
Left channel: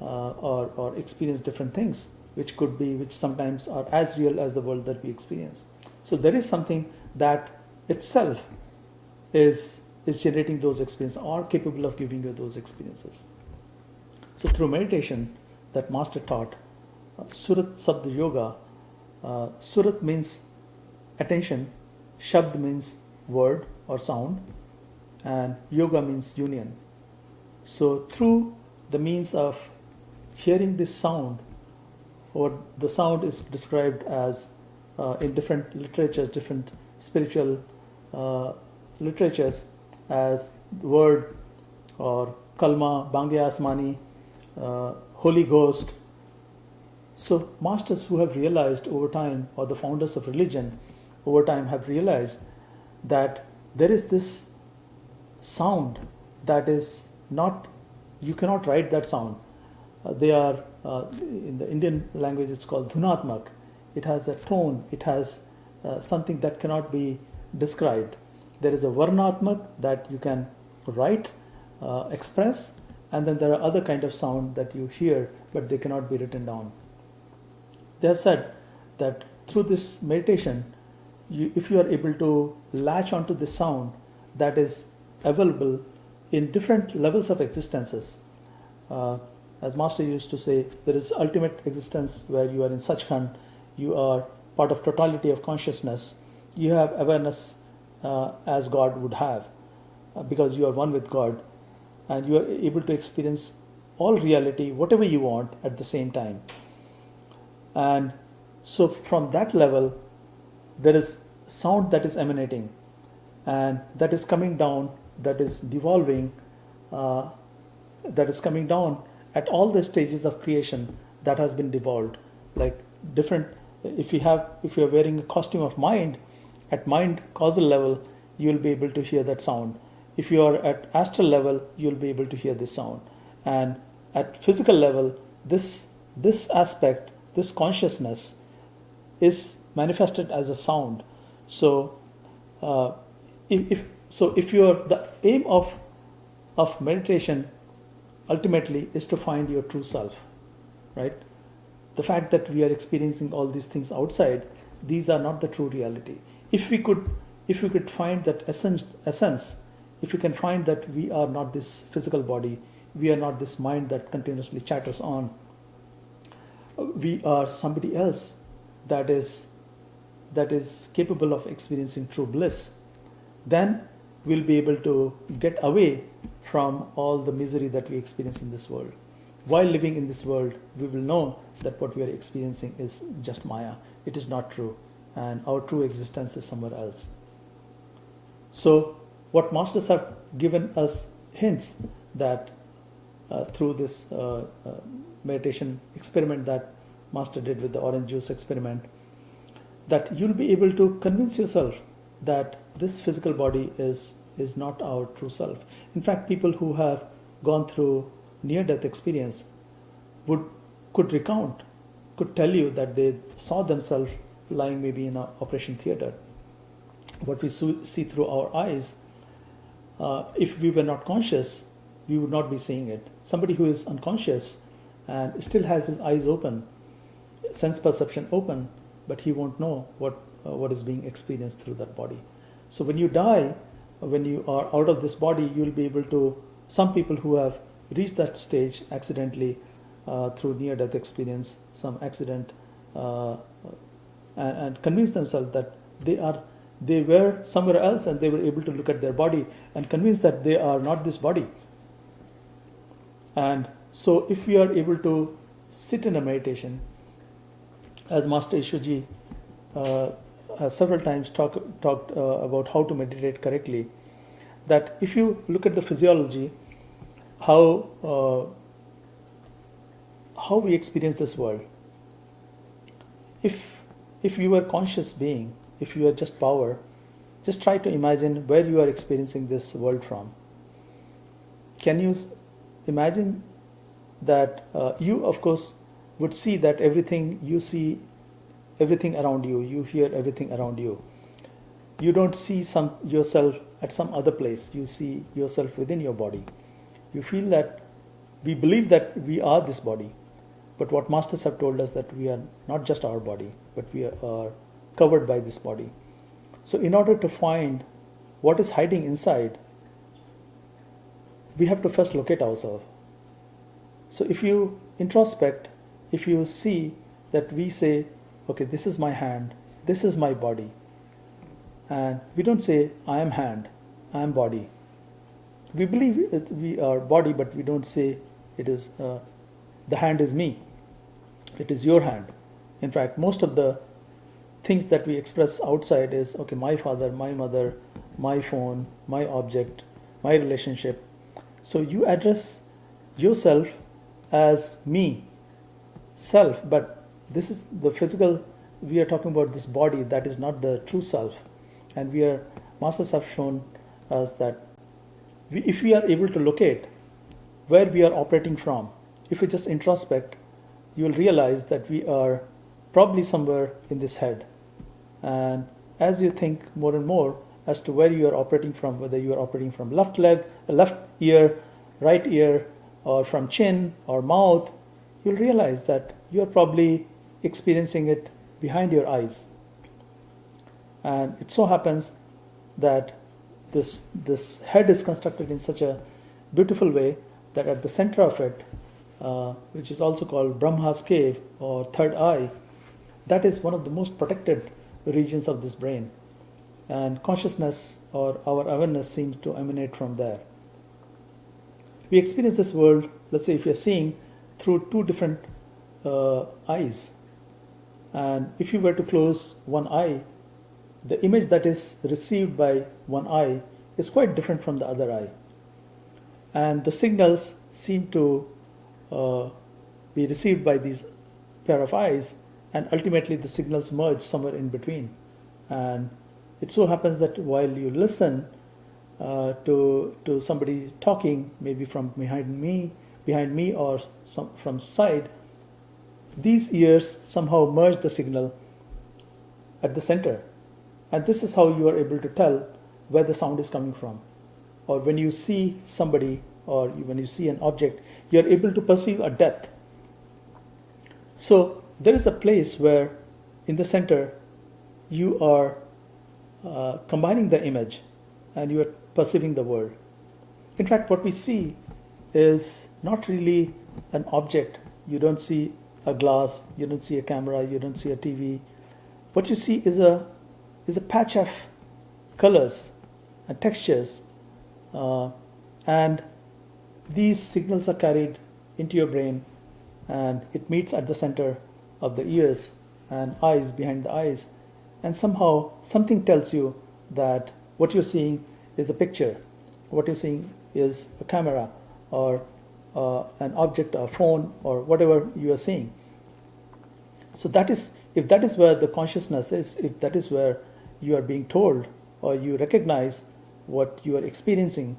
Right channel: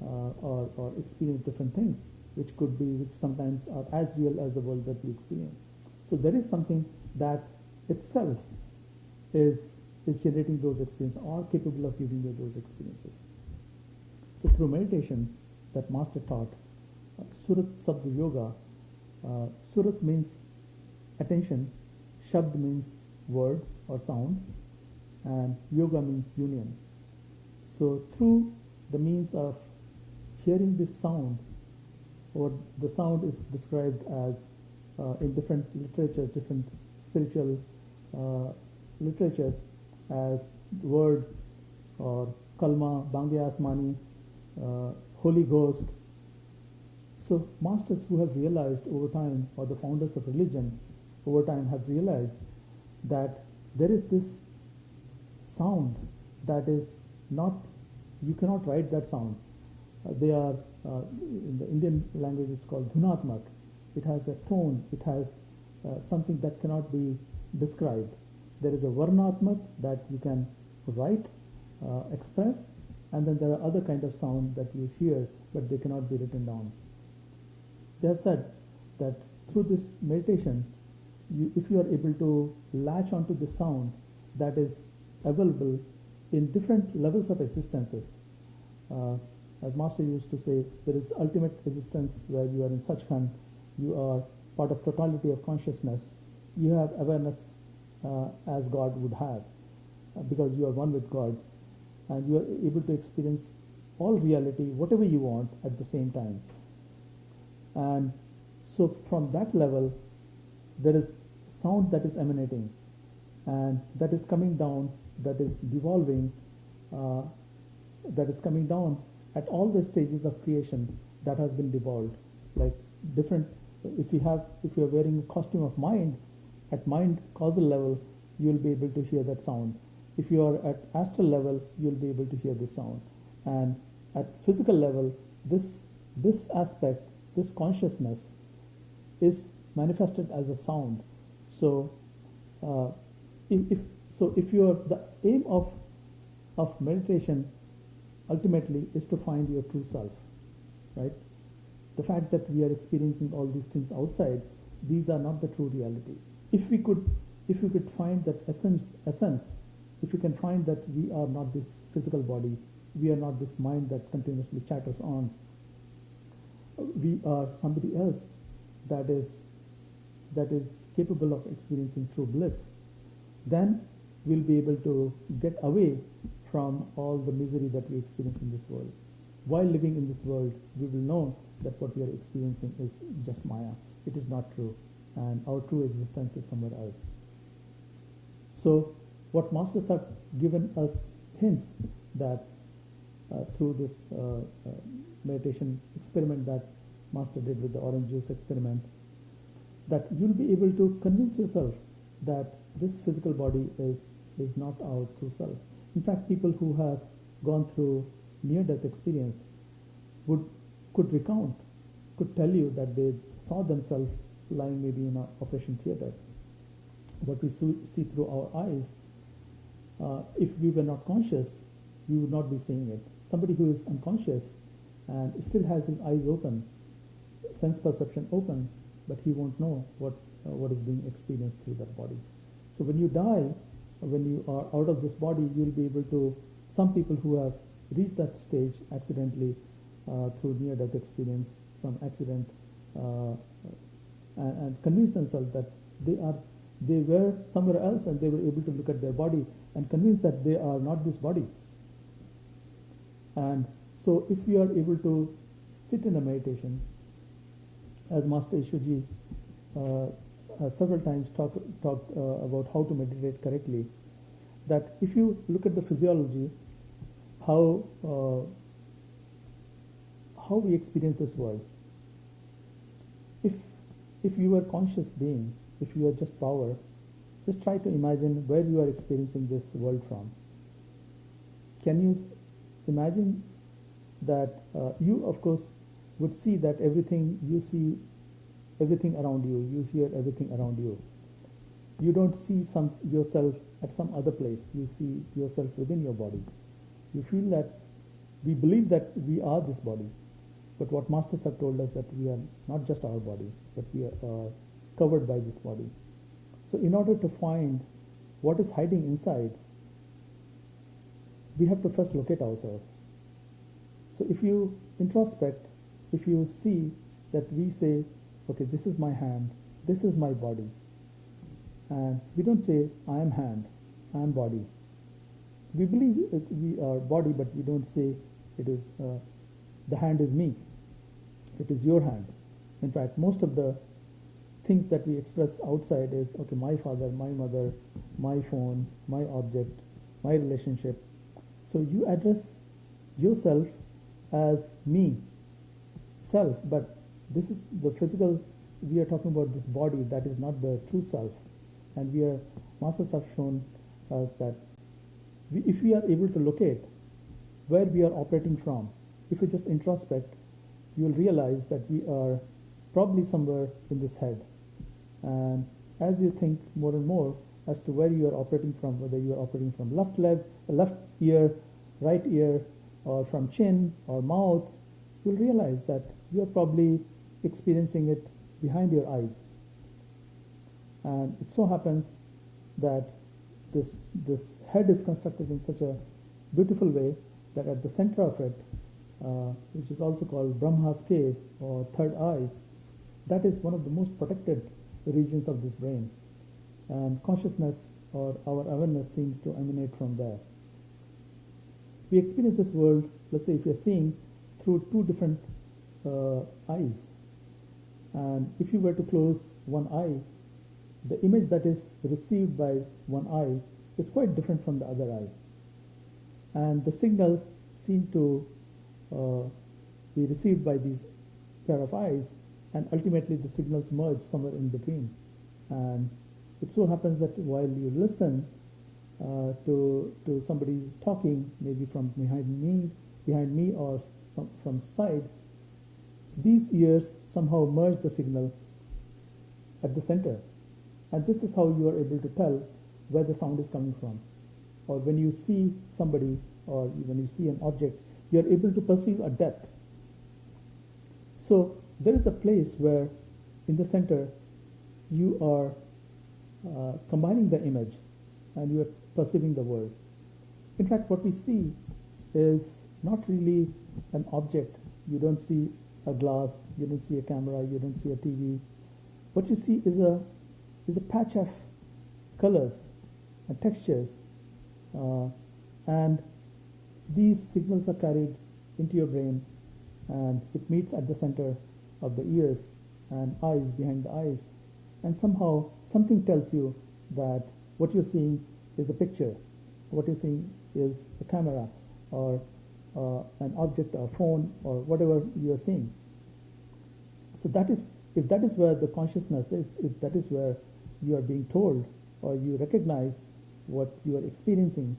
or experience different things, which sometimes are as real as the world that we experience. So there is something that itself is generating those experiences, or capable of giving you those experiences. So through meditation, that master taught Surat Sabd Yoga. Surat means attention, Shabd means word or sound, and Yoga means union. So through the means of hearing this sound, or the sound is described as in different literatures, different spiritual literatures, as word or kalma, bange asmani, Holy Ghost. So masters who have realized over time, or the founders of religion over time have realized that there is this sound that is not, you cannot write that sound. They are, in the Indian language it's called dhunatmak. It has a tone, it has something that cannot be described. There is a varnatmak that you can write, express, and then there are other kind of sound that you hear, but they cannot be written down. They have said that through this meditation, if you are able to latch onto the sound that is available in different levels of existences, as Master used to say, there is ultimate existence where you are in Sachkhand, you are part of totality of consciousness, you have awareness as God would have, because you are one with God, and you are able to experience all reality, whatever you want, at the same time. And so from that level, there is sound that is emanating, and that is coming down, that is devolving, that is coming down at all the stages of creation that has been devolved. Like different, if you are wearing a costume of mind, at mind causal level, you will be able to hear that sound. If you are at astral level, you will be able to hear this sound. And at physical level, this aspect, this consciousness is manifested as a sound. So, if you are, the aim of meditation ultimately is to find your true self, right? The fact that we are experiencing all these things outside, these are not the true reality. If we could find that essence, if we can find that we are not this physical body, we are not this mind that continuously chatters on, we are somebody else that is capable of experiencing true bliss, then we'll be able to get away from all the misery that we experience in this world. While living in this world, we will know that what we are experiencing is just Maya. It is not true, and our true existence is somewhere else. So what masters have given us hints that through this meditation experiment that Master did with the orange juice experiment, that you'll be able to convince yourself that this physical body is not our true self. In fact, people who have gone through near-death experience could tell you that they saw themselves lying maybe in an operation theater. What we see through our eyes, if we were not conscious, we would not be seeing it. Somebody who is unconscious and still has his eyes open, sense perception open, but he won't know what is being experienced through that body. So when you die, when you are out of this body, you'll be able to, some people who have reached that stage accidentally through near-death experience, some accident, and convince themselves that they were somewhere else, and they were able to look at their body and convince that they are not this body. And so if we are able to sit in a meditation, as Master Ishwaji has several times talked about how to meditate correctly, that if you look at the physiology, how we experience this world, if you are conscious being, if you are just power, just try to imagine where you are experiencing this world from. can you imagine that you, of course, would see that everything you see, everything around you, you hear everything around you. You don't see yourself at some other place. You see yourself within your body. You feel that we believe that we are this body, but what masters have told us that we are not just our body, but we are covered by this body. So in order to find what is hiding inside, we have to first locate ourselves. So if you introspect, if you see that we say, okay, this is my hand, this is my body, and we don't say, I am hand, I am body. We believe we are body, but we don't say it is, the hand is me, it is your hand. In fact, most of the things that we express outside is, okay, my father, my mother, my phone, my object, my relationship. So you address yourself as me, self, but this is the physical, we are talking about this body, that is not the true self. And masters have shown us that if we are able to locate where we are operating from, if we just introspect, you will realize that we are probably somewhere in this head. And as you think more and more as to where you are operating from, whether you are operating from left leg, left ear, right ear, or from chin or mouth, you'll realize that you're probably experiencing it behind your eyes. And it so happens that this head is constructed in such a beautiful way that at the center of it, which is also called Brahma's cave or third eye, that is one of the most protected regions of this brain. And consciousness or our awareness seems to emanate from there. We experience this world, let's say if you're seeing through two different eyes, and if you were to close one eye, the image that is received by one eye is quite different from the other eye. And the signals seem to be received by these pair of eyes, and ultimately the signals merge somewhere in between. And it so happens that while you listen to somebody talking, maybe from behind me or from side, these ears somehow merge the signal at the center. And this is how you are able to tell where the sound is coming from. Or when you see somebody or when you see an object, you are able to perceive a depth. So there is a place where in the center you are combining the image and you are perceiving the world. In fact, what we see is not really an object. You don't see a glass, you don't see a camera, you don't see a TV. What you see is a patch of colors and textures, and these signals are carried into your brain, and it meets at the center of the ears and eyes, behind the eyes, and somehow something tells you that what you're seeing is a picture, what you're seeing is a camera or an object, a phone, or whatever you are seeing. So if that is where the consciousness is, if that is where you are being told or you recognize what you are experiencing,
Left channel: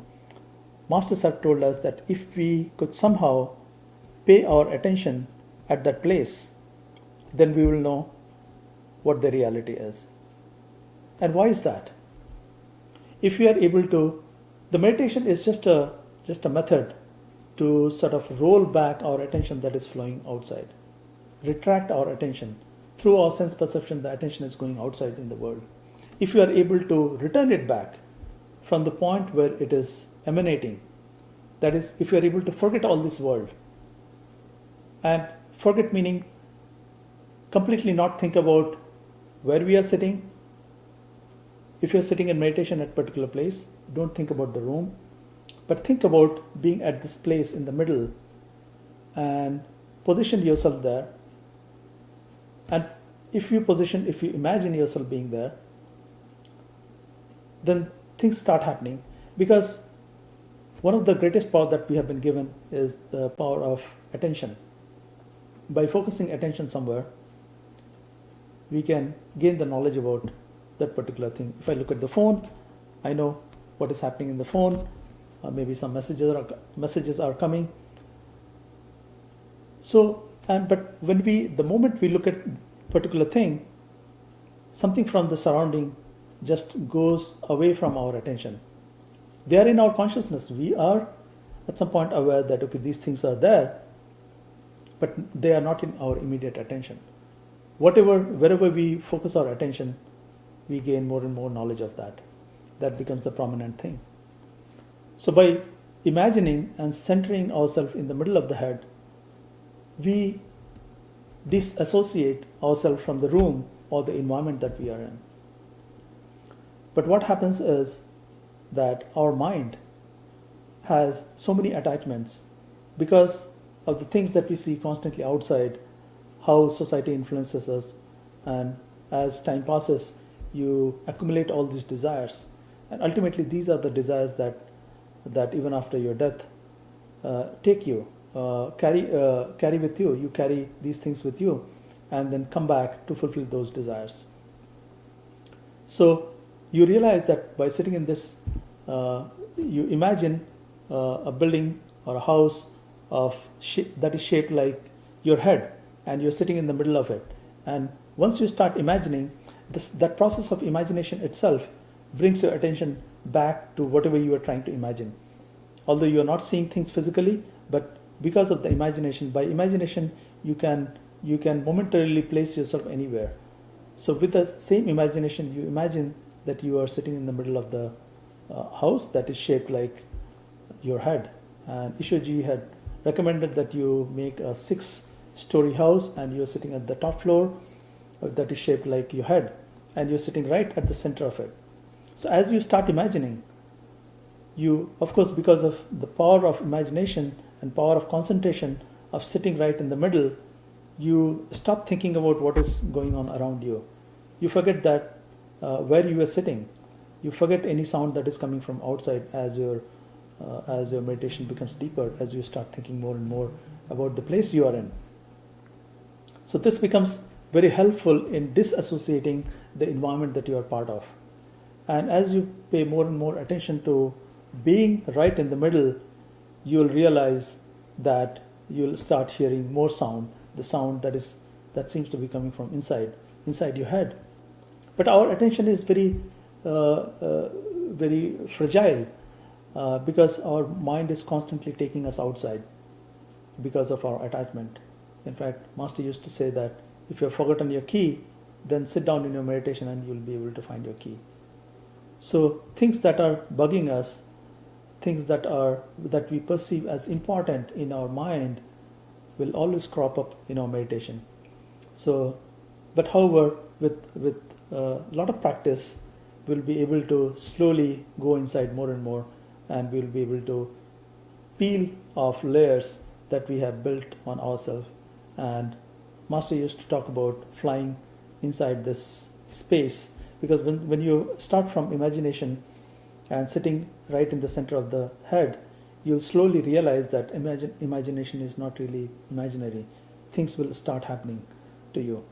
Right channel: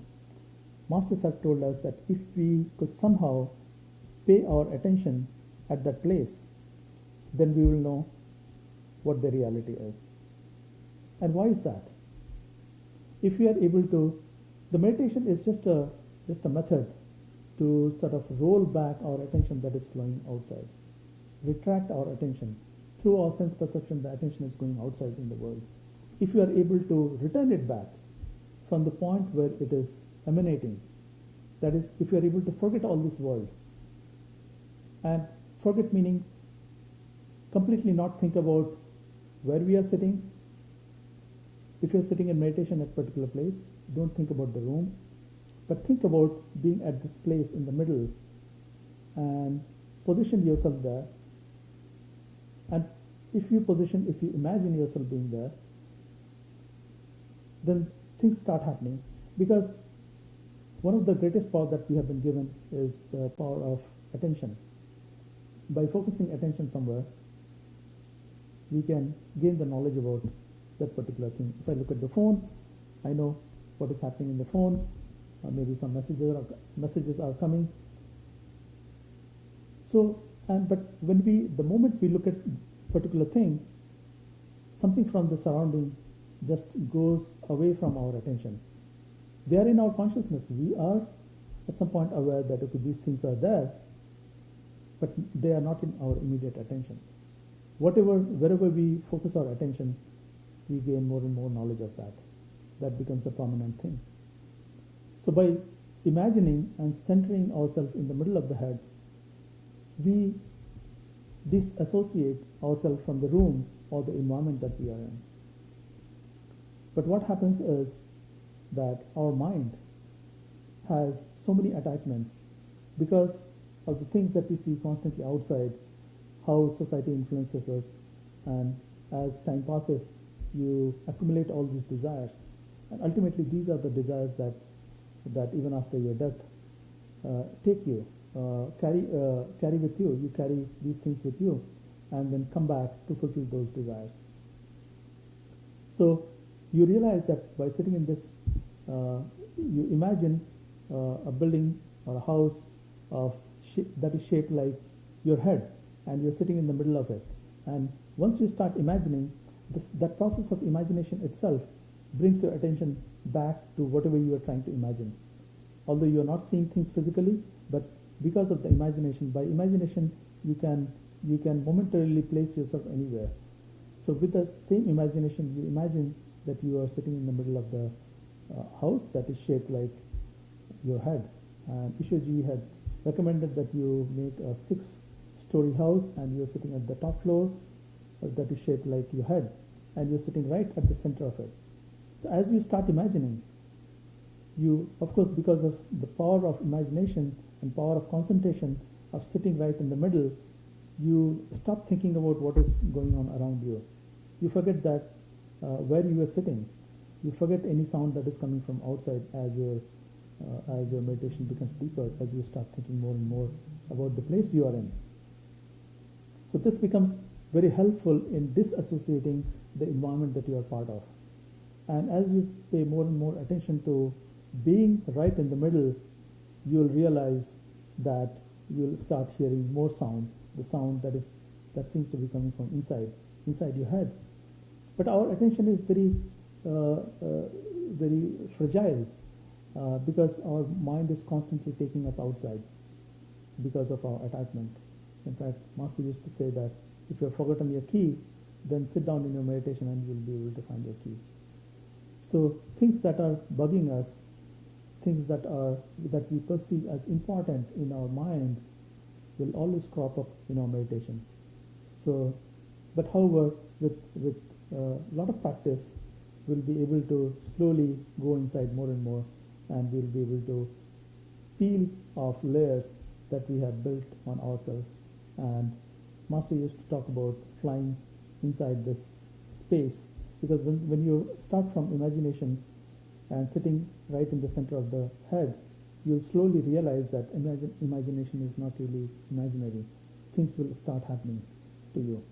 masters have told us that if we could somehow pay our attention at that place, then we will know what the reality is. And why is that? If we are able to, the meditation is just a method to sort of roll back our attention that is flowing outside, retract our attention. Through our sense perception, the attention is going outside in the world. If you are able to return it back from the point where it is emanating, that is, if you are able to forget all this world, and forget meaning completely not think about where we are sitting. If you're sitting in meditation at a particular place, don't think about the room, but think about being at this place in the middle and position yourself there. And if you imagine yourself being there, then things start happening. Because one of the greatest power that we have been given is the power of attention. By focusing attention somewhere, we can gain the knowledge about that particular thing. If I look at the phone, I know what is happening in the phone. maybe some messages are coming. So, but the moment we look at particular thing, something from the surrounding just goes away from our attention. They are in our consciousness. We are at some point aware that, okay, these things are there, but they are not in our immediate attention. Wherever we focus our attention, we gain more and more knowledge of that. That becomes the prominent thing. So by imagining and centering ourselves in the middle of the head, we disassociate ourselves from the room or the environment that we are in. But what happens is that our mind has so many attachments because of the things that we see constantly outside, how society influences us, and as time passes, you accumulate all these desires, and ultimately these are the desires that even after your death take you, carry with you. You carry these things with you, and then come back to fulfill those desires. So you realize that by sitting in this, you imagine a building or a house that is shaped like your head, and you're sitting in the middle of it. And once you start imagining, that process of imagination itself brings your attention back to whatever you are trying to imagine. Although you are not seeing things physically, but because of the imagination, by imagination you can momentarily place yourself anywhere. So with the same imagination, you imagine that you are sitting in the middle of the house that is shaped like your head. And Ishwarji had recommended that you make a 6-story house, and you're sitting at the top floor that is shaped like your head, and you're sitting right at the center of it. So as you start imagining, you, of course, because of the power of imagination and power of concentration of sitting right in the middle, you stop thinking about what is going on around you. You forget that where you are sitting. You forget any sound that is coming from outside as your meditation becomes deeper, as you start thinking more and more about the place you are in. So this becomes very helpful in disassociating the environment that you are part of. And as you pay more and more attention to being right in the middle, you'll realize that you'll start hearing more sound, the sound that seems to be coming from inside your head. But our attention is very fragile because our mind is constantly taking us outside because of our attachment. In fact, Master used to say that if you have forgotten your key, then sit down in your meditation and you'll be able to find your key. So things that are bugging us, things that we perceive as important in our mind, will always crop up in our meditation. So, but however, with a lot of practice, we'll be able to slowly go inside more and more, and we'll be able to peel off layers that we have built on ourselves. And Master used to talk about flying inside this space, because when you start from imagination and sitting right in the center of the head, you'll slowly realize that imagination is not really imaginary. Things will start happening to you,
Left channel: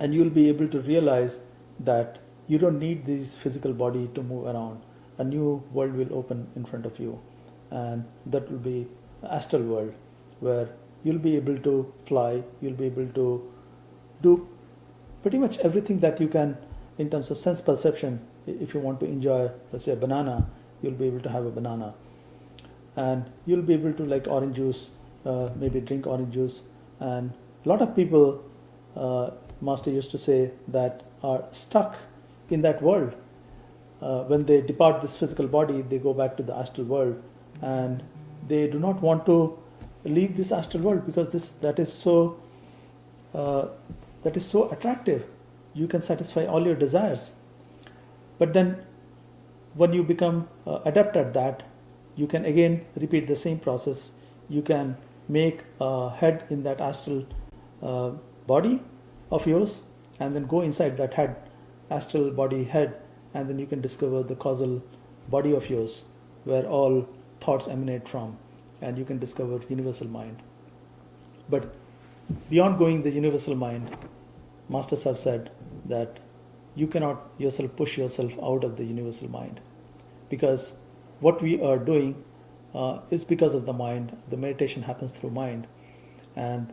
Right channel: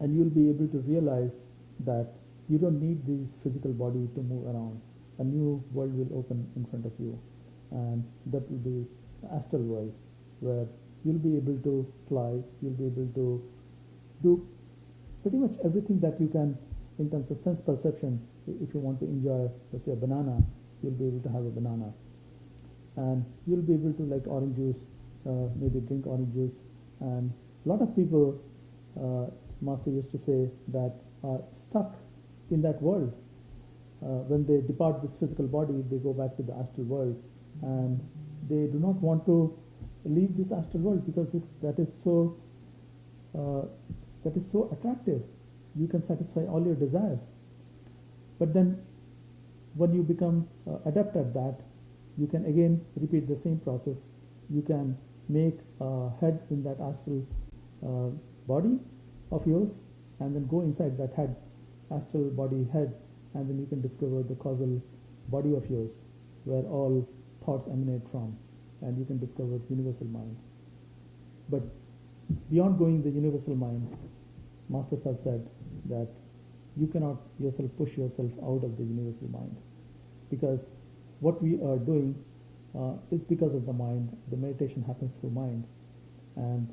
and you'll be able to realize that you don't need this physical body to move around. A new world will open in front of you, and that will be the astral world, where you'll be able to fly, you'll be able to do pretty much everything that you can in terms of sense perception. If you want to enjoy, let's say, a banana, you'll be able to have a banana. And you'll be able to, like orange juice, maybe drink orange juice. And a lot of people, Master used to say, that are stuck in that world. When they depart this physical body, they go back to the astral world, and they do not want to leave this astral world because that is so attractive. You can satisfy all your desires. But then when you become adept at that, you can again repeat the same process. You can make a head in that astral body of yours, and then go inside that head, astral body head, and then you can discover the causal body of yours, where all thoughts emanate from, and you can discover universal mind. But beyond going the universal mind, Masters have said that you cannot yourself push yourself out of the universal mind, because what we are doing is because of the mind. The meditation happens through mind, and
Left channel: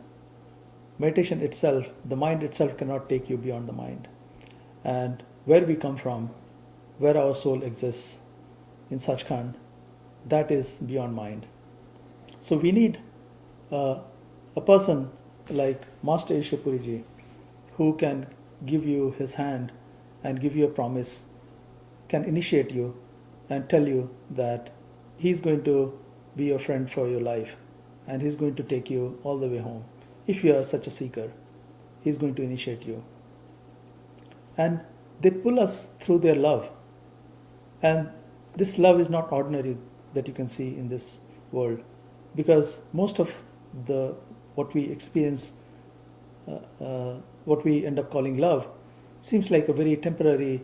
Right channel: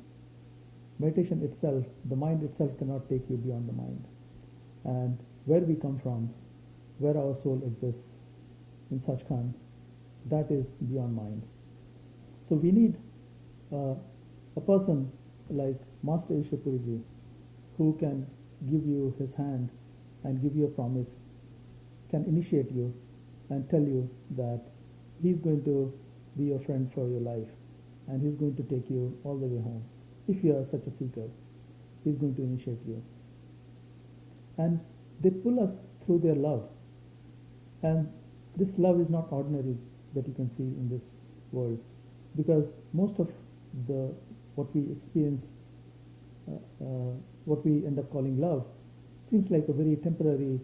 meditation itself, the mind itself cannot take you beyond the mind. And where we come from, where our soul exists in Sachkhand, that is beyond mind. So we need a person like Master Ishapuriji, who can give you his hand and give you a promise, can initiate you and tell you that he's going to be your friend for your life, and he's going to take you all the way home. If you are such a seeker, he's going to initiate you. And they pull us through their love. And this love is not ordinary that you can see in this world, because most of what we experience, what we end up calling love, seems like a very temporary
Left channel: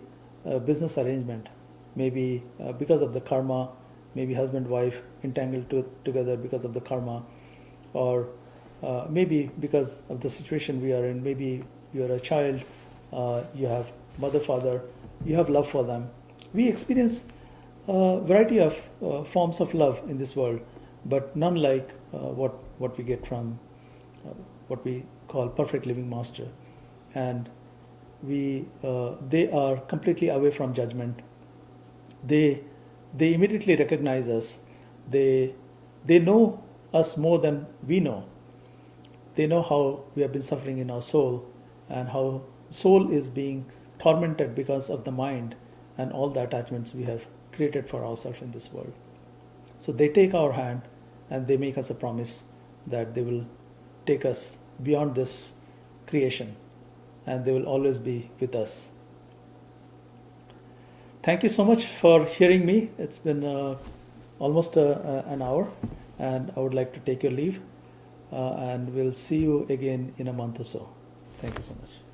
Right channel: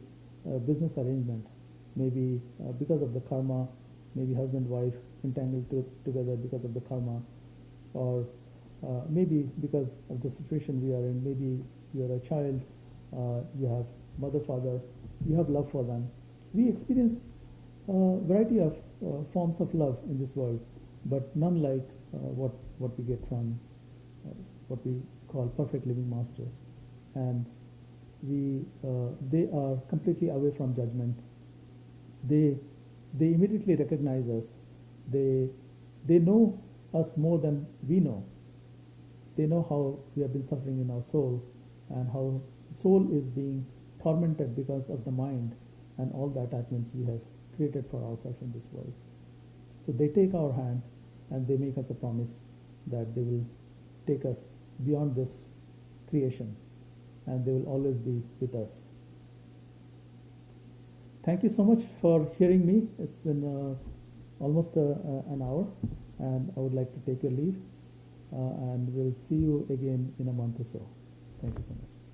business arrangement. Maybe because of the karma, maybe husband wife entangled together because of the karma, or maybe because of the situation we are in. Maybe you are a child, you have mother, father, you have love for them. We experience a variety of forms of love in this world, but none like what we get from what we call perfect living master. And they are completely away from judgment. They immediately recognize us. They know us more than we know. They know how we have been suffering in our soul, and how soul is being tormented because of the mind and all the attachments we have created for ourselves in this world. So they take our hand and they make us a promise that they will take us beyond this creation, and they will always be with us. Thank you so much for hearing me. It's been almost an hour, and I would like to take your leave, and we'll see you again in a month or so. Thank you so much.